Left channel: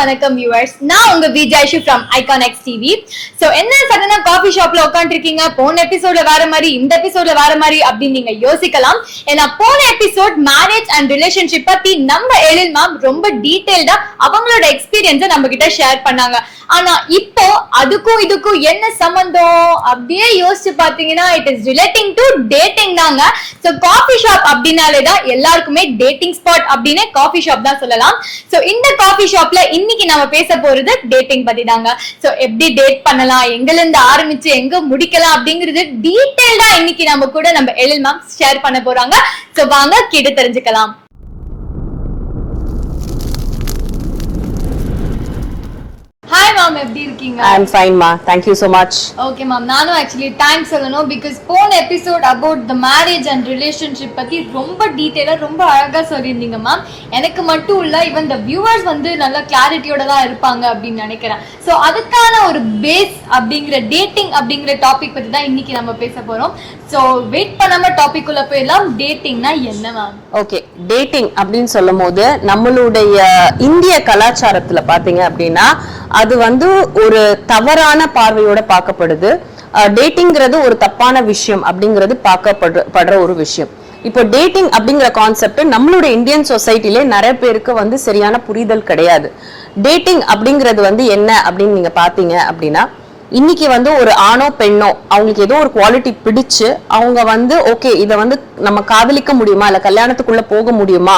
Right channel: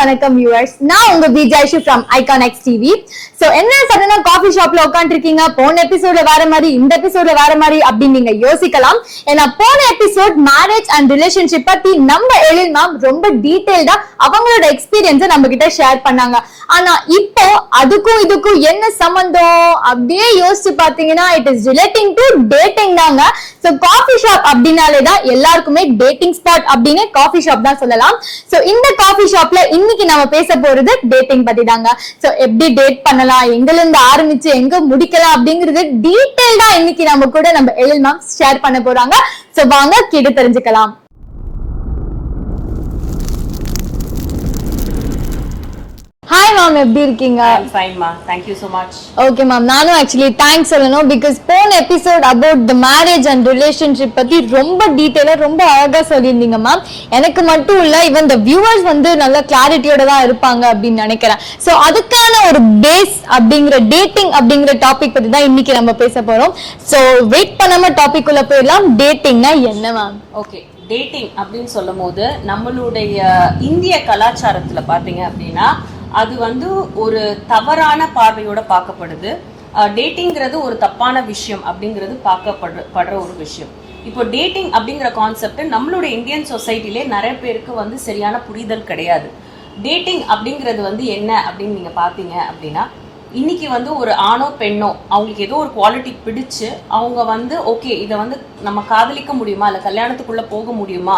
வணக்கம் viewers. நான் உங்க விஜயஷு from Iconix TV. So என்ன சடனா காபி ஷாப்ல உட்கார்ந்திருக்கீங்க, போன எபிசோட்ல வேற மாதிரி இந்த எபிசோட்ல வேற மாதிரி அப்படின்னு நீங்க யோசிக்கலாம். ஏன்னா போன எபிசோட் மேரேஜ் அண்ட் ரிலேஷன்ஷிப் பத்தி நம்ம எழில் மேம் ரொம்ப டீடைல்டா அவங்களோட எக்ஸ்பீரியன்ஸை நம்ம கிட்ட ஷேர் பண்ணாங்க. ஆனா இப்போ அதுக்கும் இதுக்கும் என்ன சம்பந்தம் அப்படியே யோசிச்சு பாத்தீங்கன்னா it is relating to dating தாங்க. சோ காபி ஷாப் அப்படின்னாலேதான் எல்லாருக்குமே டேட்டிங் ஸ்பாட் அப்படின்னு காபி ஷாப் தான் சொல்லலாம். சோ இந்த காபி ஷாப்ல இன்னைக்கு நாம பேச போறது டேட்டிங் பத்தி தாங்க. சோ எப்படி டேட் பண்ணலாம், எங்கல இருந்து ஆரம்பிச்சு எங்க முடிக்கலாம் அப்படிங்கிறது டீடைல்டா இன்னைக்கு நம்ம கூட நம்ம எழில் மேம் ஷேர் பண்ண போறாங்க. சோ வாங்க கேட்டு தெரிஞ்சுக்கலாம். ஹாய் மேம், எப்படி இருக்கீங்க? I am fine ma, thank you so much. Okay ma'am, நானும் ஆக்சுவலி தேங்க்ஸ் சொல்லணும். பிகாஸ் போன episode about the marriage and relationship பத்தி ரொம்ப டீடைலா ரொம்ப அழகா சொல்லியிருந்தீங்க மேம். எனக்கு மட்டும் இல்ல, ஈவன் த வியூவர்ஸ் வந்து நல்ல கிளாரிட்டியோட தான் இருப்பாங்க அப்படின்னு நினைக்கிறேன். சோ அதுக்கான ஒரு பேஸ் அப்படிங்கிற டேட்டிங் அப்படிங்கிற டாபிக் பத்தி தான் இன்னைக்கு நம்ம பேச போறோம். சோ வெயிட் பண்ணாம டாபிக் உள்ள போயிடலாம். டேட்டிங்னா என்ன மேம்? ஓகே, டேட்டிங் அப்படின்னு சொல்லும் போது நம்மளுடைய இந்திய கலாச்சாரத்துல பாத்தீங்க அப்படின்னா அது வந்து ஒரு தவறான பார்வையோட பார்க்கப்படுது. டேட்டிங்கிறது ஒரு தப்பான விஷயம் அப்படிங்கிறது பார்க்கப்படுற ஒரு விஷயம். இப்போ டேட்டிங் அப்படிங்கிற கான்செப்ட் நம்மளுடைய இந்தியன் சொசைட்டிலே நிறைய பேருக்கு வந்து சரியான புரிதல் கிடையாது. டேட்டிங் அப்படிங்கிறது வந்து என்ன அப்படின்னு நீங்க பாத்தீங்க அப்படின்னா, இன்னைக்கு வந்து ஒரு ஆணோ பெண்ணோ அவங்களுக்கு ஏதோ ஒரு குவாலிட்டி பிடிச்சு அவங்க வந்து ஓகே இதை வந்து நம்ம காதலிக்க முடியுமா இல்ல கல்யாணத்துக்குள்ள போக முடியுமா,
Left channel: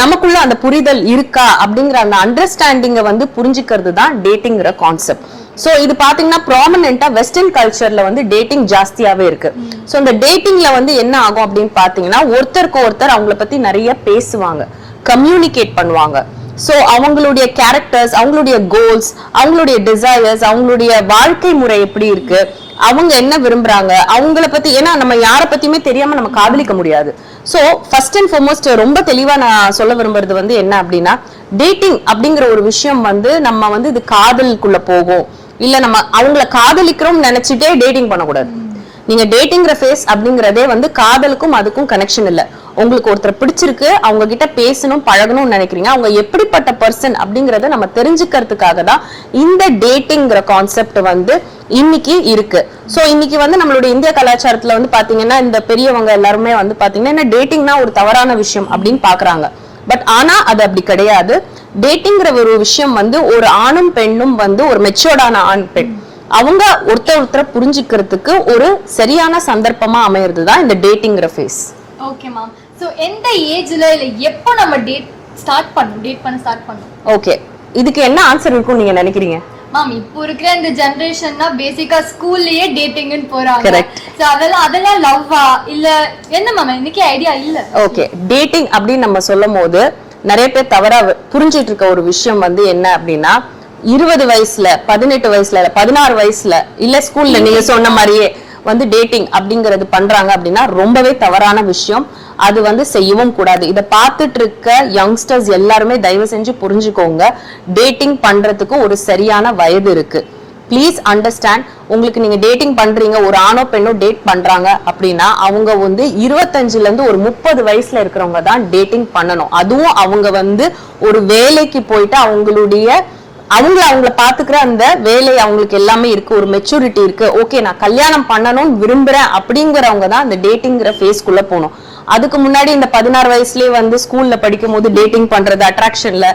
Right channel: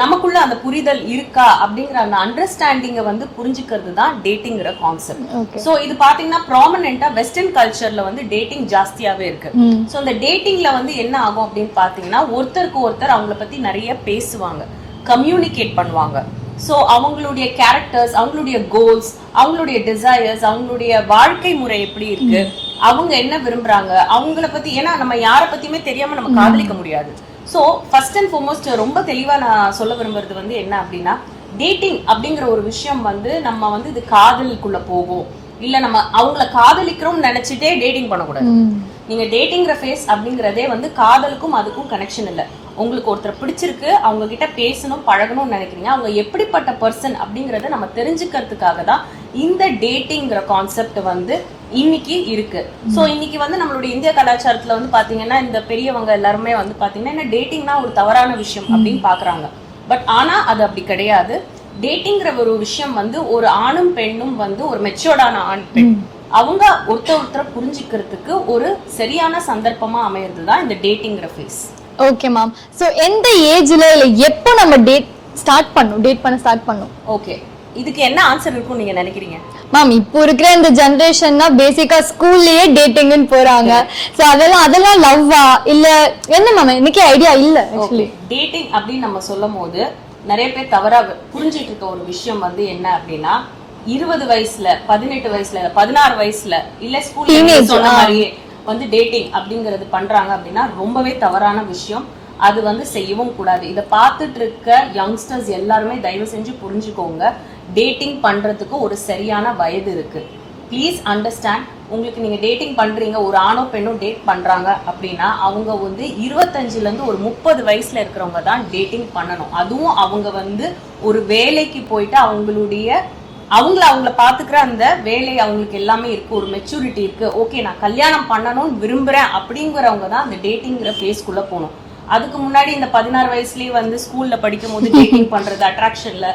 நமக்குள்ள அந்த புரிதல் இருக்கா அப்படிங்கிற அந்த அண்டர்ஸ்டாண்டிங்க வந்து புரிஞ்சுக்கிறது தான் டேட்டிங்கிற கான்செப்ட். சோ இது பாத்தீங்கன்னா ப்ராமினென்ட்டா வெஸ்டர்ன் கல்ச்சர்ல வந்து டேட்டிங் ஜாஸ்தியாவே இருக்கு. சோ இந்த டேட்டிங்ல வந்து என்ன ஆகும் அப்படின்னு பாத்தீங்கன்னா ஒருத்தருக்கு ஒருத்தர் அவங்கள பத்தி நிறைய பேசுவாங்க, கம்யூனிகேட் பண்ணுவாங்க. சோ அவங்களுடைய கேரக்டர்ஸ், அவங்களுடைய கோல்ஸ், அவங்களுடைய டிசையர்ஸ், அவங்களுடைய வாழ்க்கை முறை எப்படி இருக்கு, அவங்க என்ன விரும்புறாங்க, அவங்கள பத்தி, ஏன்னா நம்ம யார பத்தியுமே தெரியாம நம்ம காதலிக்க முடியாது. சோ ஃபர்ஸ்ட் அண்ட் ஃபார்மோஸ்ட் ரொம்ப தெளிவா நான் சொல்ல விரும்புறது வந்து என்ன அப்படின்னா, டேட்டிங் அப்படிங்கிற ஒரு விஷயம் வந்து நம்ம வந்து இது காதலுக்குள்ள போகும் இல்ல நம்ம அவங்கள காதலிக்கிறோம் நினைச்சிட்டே டேட்டிங் பண்ணக்கூடாது. நீங்க டேட்டிங்கிற ஃபேஸ் அப்படிங்கறதே வந்து காதலுக்கும் அதுக்கும் கனெக்ஷன் இல்ல. உங்களுக்கு ஒருத்தர் பிடிச்சிருக்கு, அவங்க கிட்ட பேசணும் பழகணும்னு நினைக்கிறீங்க, அவங்க எப்படிப்பட்ட பர்சன் அப்படிங்கறத நம்ம தெரிஞ்சுக்கிறதுக்காக தான் இந்த டேட்டிங்கிற கான்செப்ட் வந்து இன்னைக்கு இருக்கு. சோ இன்னைக்கு வந்து நம்மளுடைய இந்திய கலாச்சாரத்துல வந்து பாத்தீங்கன்னா இந்த பெரியவங்க எல்லாருமே வந்து பாத்தீங்கன்னா டேட்டிங்னா ஒரு தவறான விஷயம் அப்படின்னு பாக்குறாங்க. பட் ஆனா அது அப்படி கிடையாது. டேட்டிங்கிற ஒரு விஷயம் வந்து ஒரு ஆணும் பெண்ணும் வந்து ஒரு மெச்சூர்டான ஆண் பெண் அவங்க ஒருத்தரை புரிஞ்சுக்கிறதுக்கு ஒரு சரியான சந்தர்ப்பமா அமையிறது தான் இந்த டேட்டிங்கிற ஃபேஸ். Okay ma'am. சோ எந்த ஏஜ்ல இல்ல எப்போ நம்ம டேட் பண்ண ஸ்டார்ட் பண்ணோம்? ஓகே, இதுக்கு என்ன ஆன்சர் இருக்கும் நீங்க நினைக்கிறீங்க மேம்? இப்போ இருக்கிற இந்த ஜெனரேஷன்னா பேசிக்கா ஸ்கூல்லயே டேட்டிங்னு போறாங்க. சோ அதெல்லாம் லவ்வா இல்ல என்ன மேம்? எனக்கு ஐடியா இல்ல. ஓகே, டேட்டிங் அப்படின்னு நம்ம சொல்லும் போது நிறைய பேர் தவறா புரிஞ்சிட்டு இருக்க ஒரு விஷயம் வந்து என்ன அப்படின்னா 20 வயசுல 18 வயசுல 16 வயசுல இல்ல ஸ்கூல்ல நீங்க சொன்ன மாதிரியே வந்து டேட்டிங் அப்படிங்கறது பண்றாங்க அப்படின்னா ரொம்பவே தவறான விஷயம். அது வந்து செய்யவும் கூடாது. இதை பார்த்துட்டு இருக்க யங்ஸ்டர்ஸ் எல்லாருமே தயவு செஞ்சு புரிஞ்சுக்கோங்க, டேட்டிங் பண்றதுக்கு ஒரு சரியான வயது இருக்கு. Please understand. உங்களுக்கு நீங்க டேட்டிங் பண்றீங்க, ஒரு ஆணோ பெண்ணோ டேட் பண்றாங்க அப்படின்னா அவங்க வந்து 25ல இருந்து ஒரு 30 வயசுல இருக்கிறவங்க தான் டேட்டிங் பண்ணணும். அதுவும் அவங்க வந்து ஒரு வேலைக்கு போயிட்டு அவங்கள பாத்துக்கிற அந்த வேலை அவங்களுக்கு எல்லாமே இருக்கு, ஒரு மெச்சூரிட்டி இருக்கு, ஓகே நான் கல்யாணம் பண்ணணும்னு விரும்புறேன் அப்படிங்கிறவங்க தான் அந்த டேட்டிங்கிற ஃபேஸ்க்குள்ள போகணும். அதுக்கு முன்னாடி இந்த 16 வயசுலயே வந்து ஸ்கூல்ல படிக்கும் போது டேட்டிங் பண்றது, அட்ராக்ஷன்ல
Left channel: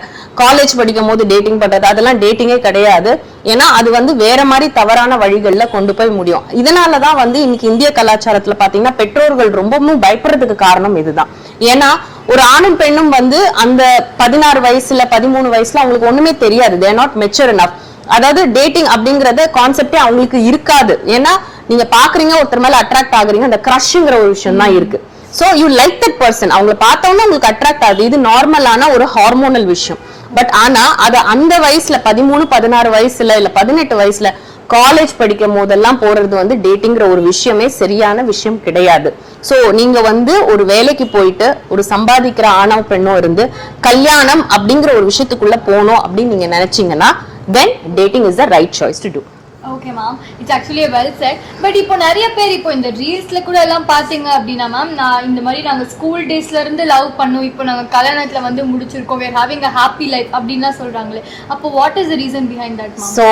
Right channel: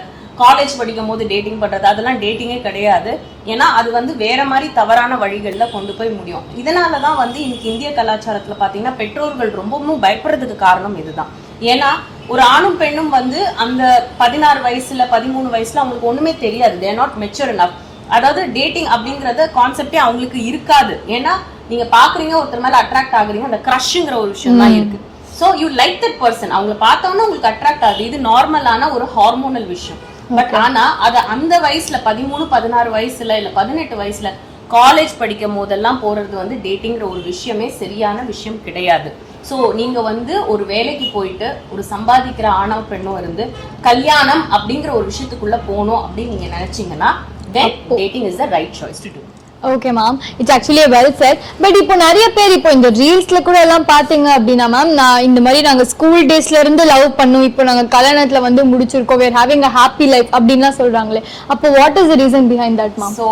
காலேஜ் படிக்கும் போது டேட்டிங் பண்றது, அதெல்லாம் டேட்டிங்கே கிடையாது. ஏன்னா அது வந்து வேற மாதிரி தவறான வழிகள்ல கொண்டு போய் முடியும். இதனாலதான் வந்து இன்னைக்கு இந்திய கலாச்சாரத்துல பாத்தீங்கன்னா பெற்றோர்கள் ரொம்பவும் பயப்படுறதுக்கு காரணம் இதுதான். ஏன்னா ஒரு ஆணும் பெண்ணும் வந்து அந்த 16 வயசுல 13 வயசுல அவங்களுக்கு ஒண்ணுமே தெரியாது, they are not mature enough. அதாவது டேட்டிங் அப்படிங்கறது கான்செப்டே அவங்களுக்கு இருக்காது. ஏன்னா நீங்க பாக்குறீங்க, ஒருத்தர் மேல அட்ராக்ட் ஆகுறீங்க, அந்த கிரஷ்ங்கிற ஒரு விஷயம் தான் இருக்கு. So you like that person, அவங்களை பார்த்தோம்னா உங்களுக்கு அட்ராக்ட் ஆகுது, இது நார்மலான ஒரு ஹார்மோனல் விஷயம். பட் ஆனா அது அந்த வயசுல 13 16 வயசுல இல்ல 18 வயசுல காலேஜ் படிக்கும் போதெல்லாம் போறது வந்து டேட்டிங்கிற ஒரு விஷயமே சரியான விஷயம் கிடையாது. சோ நீங்க வந்து ஒரு வேலைக்கு போயிட்டு ஒரு சம்பாதிக்கிற ஆணோ பெண்ணோ இருந்து கல்யாணம் அப்படிங்கிற ஒரு விஷயத்துக்குள்ள போகணும் அப்படின்னு நீங்க நினைச்சீங்கன்னா then dating is the right choice to do. Okay ma'am, it's actually well set. But இப்போ நிறைய பேர் இப்போ இந்த ரீல்ஸ்ல கூட எல்லாம் பாத்தீங்க அப்படின்னா மேம், நான் இந்த மாதிரி நாங்க ஸ்கூல் டேஸ்ல இருந்து லவ் பண்ணோம், இப்போ நாங்க கல்யாணத்துல வந்து முடிச்சிருக்கோம், we are having a happy life அப்படின்லாம் சொல்றாங்களே, அப்போ what is the reason behind that ma'am? So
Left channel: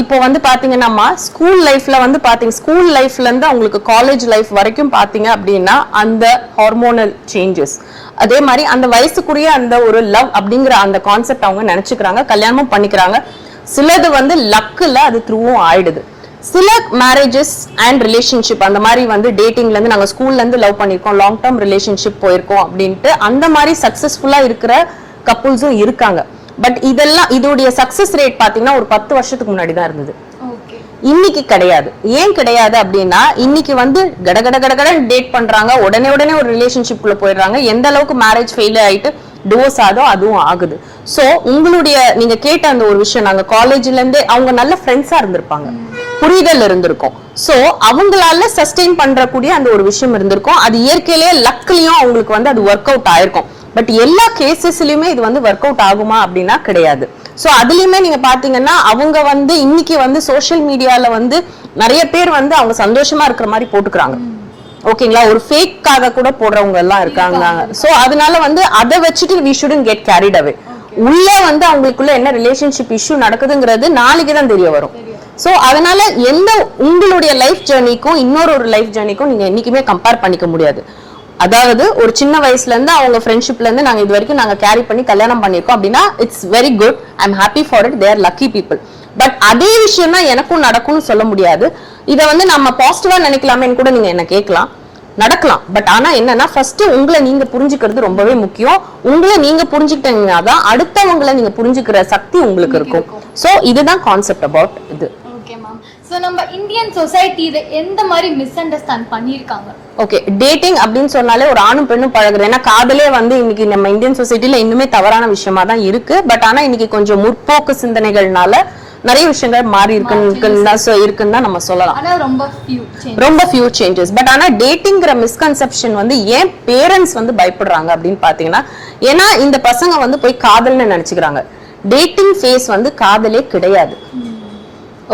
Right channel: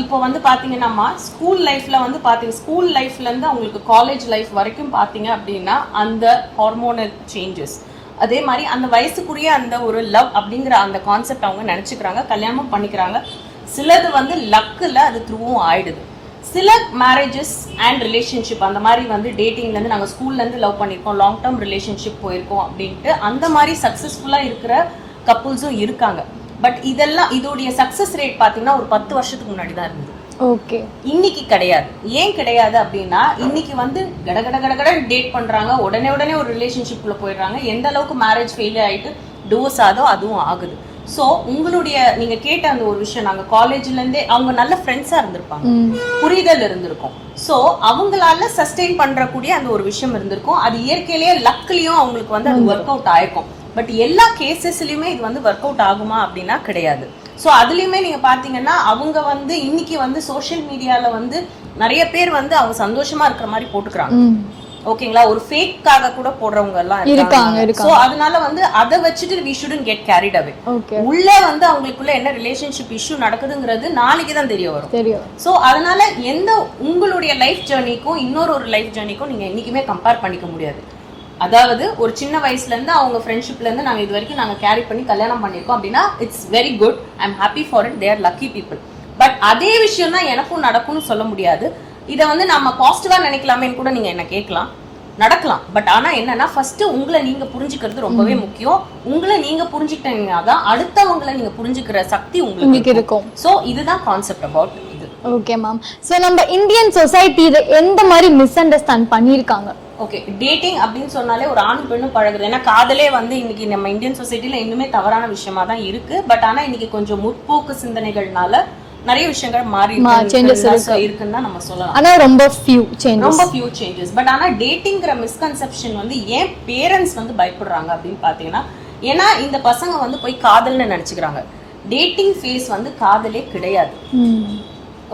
இப்போ வந்து பாத்தீங்கன்னா ஸ்கூல் லைஃப்ல வந்து பாத்தீங்க, ஸ்கூல் லைஃப்ல இருந்து உங்களுக்கு காலேஜ் லைஃப் வரைக்கும் பாத்தீங்க அப்படின்னா அந்த ஹார்மோனல் சேஞ்சஸ், அதே மாதிரி அந்த வயசுக்குரிய அந்த ஒரு லவ் அப்படிங்கிற அந்த கான்செப்ட் அவங்க நினைச்சுக்கிறாங்க, கல்யாணமும் பண்ணிக்கிறாங்க. சிலது வந்து லக்குல அது த்ரூவும் ஆயிடுது. சில மேரேஜஸ் அண்ட் ரிலேஷன்ஷிப் அந்த மாதிரி வந்து டேட்டிங்ல இருந்து நாங்க ஸ்கூல்ல இருந்து லவ் பண்ணிருக்கோம், லாங் டேர்ம் ரிலேஷன்ஷிப் போயிருக்கோம் அப்படின்ட்டு அந்த மாதிரி சக்சஸ்ஃபுல்லா இருக்கிற கப்புள்ஸும் இருக்காங்க. பட் இதெல்லாம் இதோடைய சக்சஸ் ரேட் பாத்தீங்கன்னா ஒரு 10 வருஷத்துக்கு முன்னாடி தான் இருந்தது. ஓகே, இன்னைக்கு கிடையாது. ஏன் கிடையாது அப்படின்னா இன்னைக்கு வந்து கடகட டேட் பண்றாங்க, உடனே ஒரு ரிலேஷன்ஷிப் குள்ள போயிடுறாங்க. எந்த அளவுக்கு மேரேஜ் ஃபெயிலியர் ஆயிட்டு டிவோர்ஸ் ஆதோ அதுவும் ஆகுது. சோ உங்களுடைய நீங்க கேட்ட அந்த ஒரு விஷயம், நாங்க காலேஜ்ல இருந்தே அவங்க நல்ல ஃப்ரெண்ட்ஸா இருந்திருப்பாங்க, புரிதல் இருந்திருக்கும். சோ அவங்களால சஸ்டெயின் பண்றக்கூடிய அந்த ஒரு விஷயம் இருந்திருக்கும். அது இயற்கையிலேயே லக்லயும் அவங்களுக்கு வந்து அது ஒர்க் அவுட் ஆயிருக்கும். பட் எல்லா கேசஸ்லயுமே இது வந்து ஒர்க் அவுட் ஆகுமா அப்படின்னா கிடையாது. சோ அதுலயுமே நீங்க பாத்தீங்கன்னா அவங்க வந்து இன்னைக்கு வந்து சோசியல் மீடியால வந்து நிறைய பேர் வந்து அவங்க சந்தோஷமா இருக்கிற மாதிரி போட்டுக்கிறாங்க. ஓகேங்களா, ஒரு ஃபேக்காக கூட போடுறவங்க எல்லாம் இருக்காங்க. சோ அதனால வந்து அதை வச்சுட்டு we shouldn't get carried away. உள்ள வந்து அவங்களுக்குள்ள என்ன ரிலேஷன்ஷிப் இஷ்யூ நடக்குதுங்கிறது நாளைக்கு தான் தெரிய வரும். சோ அதனால எந்த உங்களுடைய லைஃப் ஜர்னிக்கும் இன்னொரு லைஃப் ஜர்னிக்கும் நீங்க என்னைக்குமே கம்பேர் பண்ணிக்க முடியாது. அதாவது ஒரு சின்ன வயசுல இருந்து அவங்க ஃப்ரெண்ட்ஷிப்ல இருந்து நாங்க இது வரைக்கும் நாங்க கேரி பண்ணி கல்யாணம் பண்ணிருக்கோம் அப்படின்னா it's very good, I am happy for it, they are lucky people. But அதே விஷயம் தான் எனக்கும் நடக்கும்னு சொல்ல முடியாது. இதை வந்து நம்ம பாசிட்டிவா நினைக்கலாமேன்னு கூட நீங்க என்ன கேட்கலாம், நடக்கலாம். பட் ஆனா என்னன்னா ஃபர்ஸ்ட் உங்களை நீங்க புரிஞ்சுக்கிறது ரொம்பவே முக்கியம். உங்களை நீங்க புரிஞ்சுக்கிட்டீங்கன்னா தான் அடுத்தவங்களை நீங்க புரிஞ்சுக்கிற சக்தி உங்களுக்கு இருக்கும். சோ இதுதான் கான்செப்ட் அபவுட் இது. ஓகே மேம், சோ நம்ம இந்தியன் சொசைட்டி இத எந்த மாதிரி மிஸ் அண்டர்ஸ்டாண்ட் பண்ணிருக்காங்க? ஓகே, டேட்டிங் அப்படின்னு சொன்னாலே ஒரு ஆணும் பெண்ணும் பழகுறது. ஏன்னா காதலே வந்து இன்னைக்கு நம்ம இந்தியன் சொசைட்டில இன்னுமே தவறான விஷயமா தான் இருக்கு. பட் ஆனா இன்னைக்கு கொஞ்சம் முற்போக்கு சிந்தனைகள்னால நிறைய விஷயங்கள் மாறி இருக்குன்னு தான் நம்ம சொல்லலாம். ஆனா ரொம்ப few changes. பட் ஆனா டேட்டிங்கிற மிஸ்கன்செப்ஷன் வந்து ஏன் பேரண்ட்ஸ் வந்து பயப்படுறாங்க அப்படின்னு பாத்தீங்கன்னா, ஏன்னா இந்த பசங்க வந்து போய் காதல்னு நினைச்சுக்கிறாங்க. டேட்டிங் ஃபேஸ் வந்து காதலே கிடையாது.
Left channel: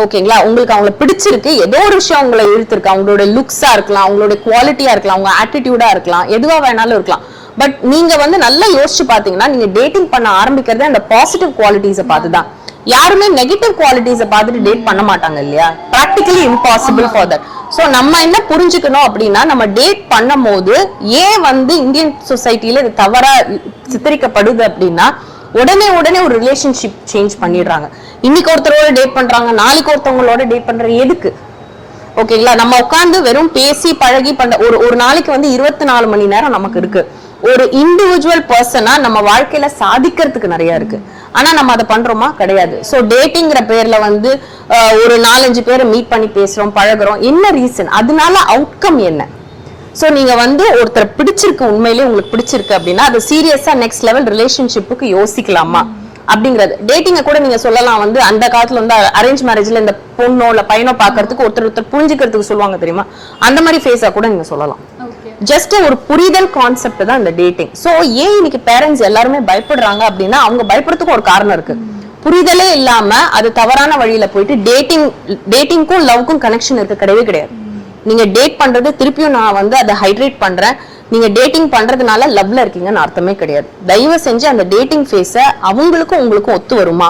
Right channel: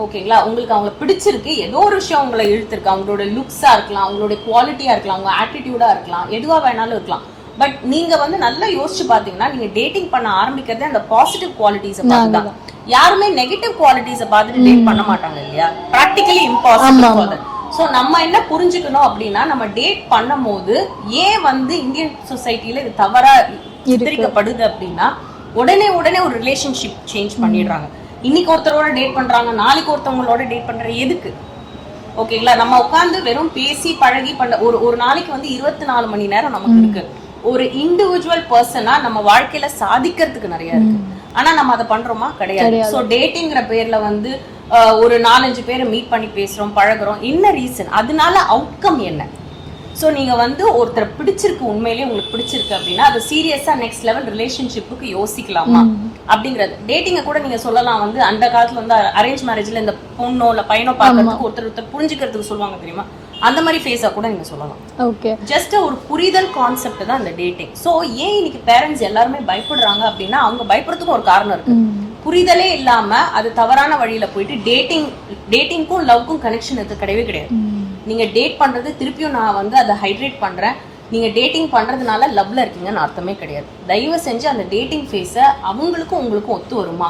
ஓகேங்களா, உங்களுக்கு அவங்கள பிடிச்சிருக்கு, ஏதோ ஒரு விஷயம் அவங்களை இழுத்துருக்கு, அவங்களோட லுக்ஸா இருக்கலாம், அவங்களோட குவாலிட்டியா இருக்கலாம், அவங்க ஆட்டிடியூடா இருக்கலாம், எதுவா வேணாலும் இருக்கலாம். பட் நீங்க வந்து நல்லா யோசிச்சு பாத்தீங்கன்னா நீங்க டேட்டிங் பண்ண ஆரம்பிக்கிறதே அந்த பாசிட்டிவ் குவாலிட்டிஸை பார்த்துதான். யாருமே நெகட்டிவ் குவாலிட்டிஸை பார்த்துட்டு டேட் பண்ண மாட்டாங்க இல்லையா? Practically impossible for that. So நம்ம என்ன புரிஞ்சுக்கணும் அப்படின்னா, நம்ம டேட் பண்ணும் போது ஏன் வந்து இந்தியன் சொசைட்டில இது தவறா சித்தரிக்கப்படுது அப்படின்னா, உடனே ஒரு ரிலேஷன்ஷிப் சேஞ்ச் பண்ணிடுறாங்க. இன்னைக்கு ஒருத்தரோட டேட் பண்றாங்க, நாளைக்கு ஒருத்தவங்களோட டேட் பண்ற எதுக்கு? ஓகேங்களா, நம்ம உட்கார்ந்து வெறும் பேசி பழகி பண்ண ஒரு நாளைக்கு வந்து 24 மணி நேரம் நமக்கு இருக்கு. ஒரு இண்டிவிஜுவல் பர்சனா நம்ம வாழ்க்கையில சாதிக்கிறதுக்கு நிறைய இருக்கு. ஆனா நம்ம அதை பண்றோமா? கிடையாது. சோ டேட்டிங்கிற பேர்ல வந்து ஒரு 4-5 பேரை மீட் பண்ணி பேசுறோம், பழகுறோம். என்ன ரீசன்? அதனால அவுட்கம் என்ன? சோ நீங்க வந்து ஒருத்தர் பிடிச்சிருக்கு, உண்மையிலேயே உங்களுக்கு பிடிச்சிருக்கு அப்படின்னா அது சீரியஸா நெக்ஸ்ட் லெவல் ரிலேஷன்ஷிப்புக்கு யோசிக்கலாமா அப்படிங்கிறது. டேட்டிங்க கூட நீங்க சொல்லலாம் வந்து அந்த காலத்துல வந்து அரேஞ்ச் மேரேஜ்ல இந்த பொண்ணோ இல்ல பையனோ பாக்குறதுக்கு ஒருத்தர் புரிஞ்சுக்கிறதுக்கு சொல்லுவாங்க தெரியுமா, அந்த மாதிரி ஃபேஸா கூட நீங்க சொல்லலாம். ஜஸ்ட் ஒரு புரிதல் கான்செப்ட் தான் இந்த டேட்டிங். சோ ஏன் இன்னைக்கு பேரண்ட்ஸ் எல்லாருமே பயப்படுறாங்க அப்படின்னா அவங்க பயப்படுறதுக்கும் ஒரு காரணம் இருக்கு. புரிதலே இல்லாம அது தவறான வழியில போயிட்டு டேட்டிங்க்கும் லவ்க்கும் கனெக்ஷன் இருக்கு கிடையவே கிடையாது. நீங்க டேட் பண்றது திருப்பியும் நான் வந்து அதை ஹைட்ரேட் பண்றேன், நீங்க டேட்டிங் பண்றதுனால லவ்ல இருக்கீங்கன்னு அர்த்தமே கிடையாது. தயவு செஞ்சு அந்த டேட்டிங் ஃபேஸ அவங்களுக்கும் உங்களுக்கும் ஒத்து வருமா,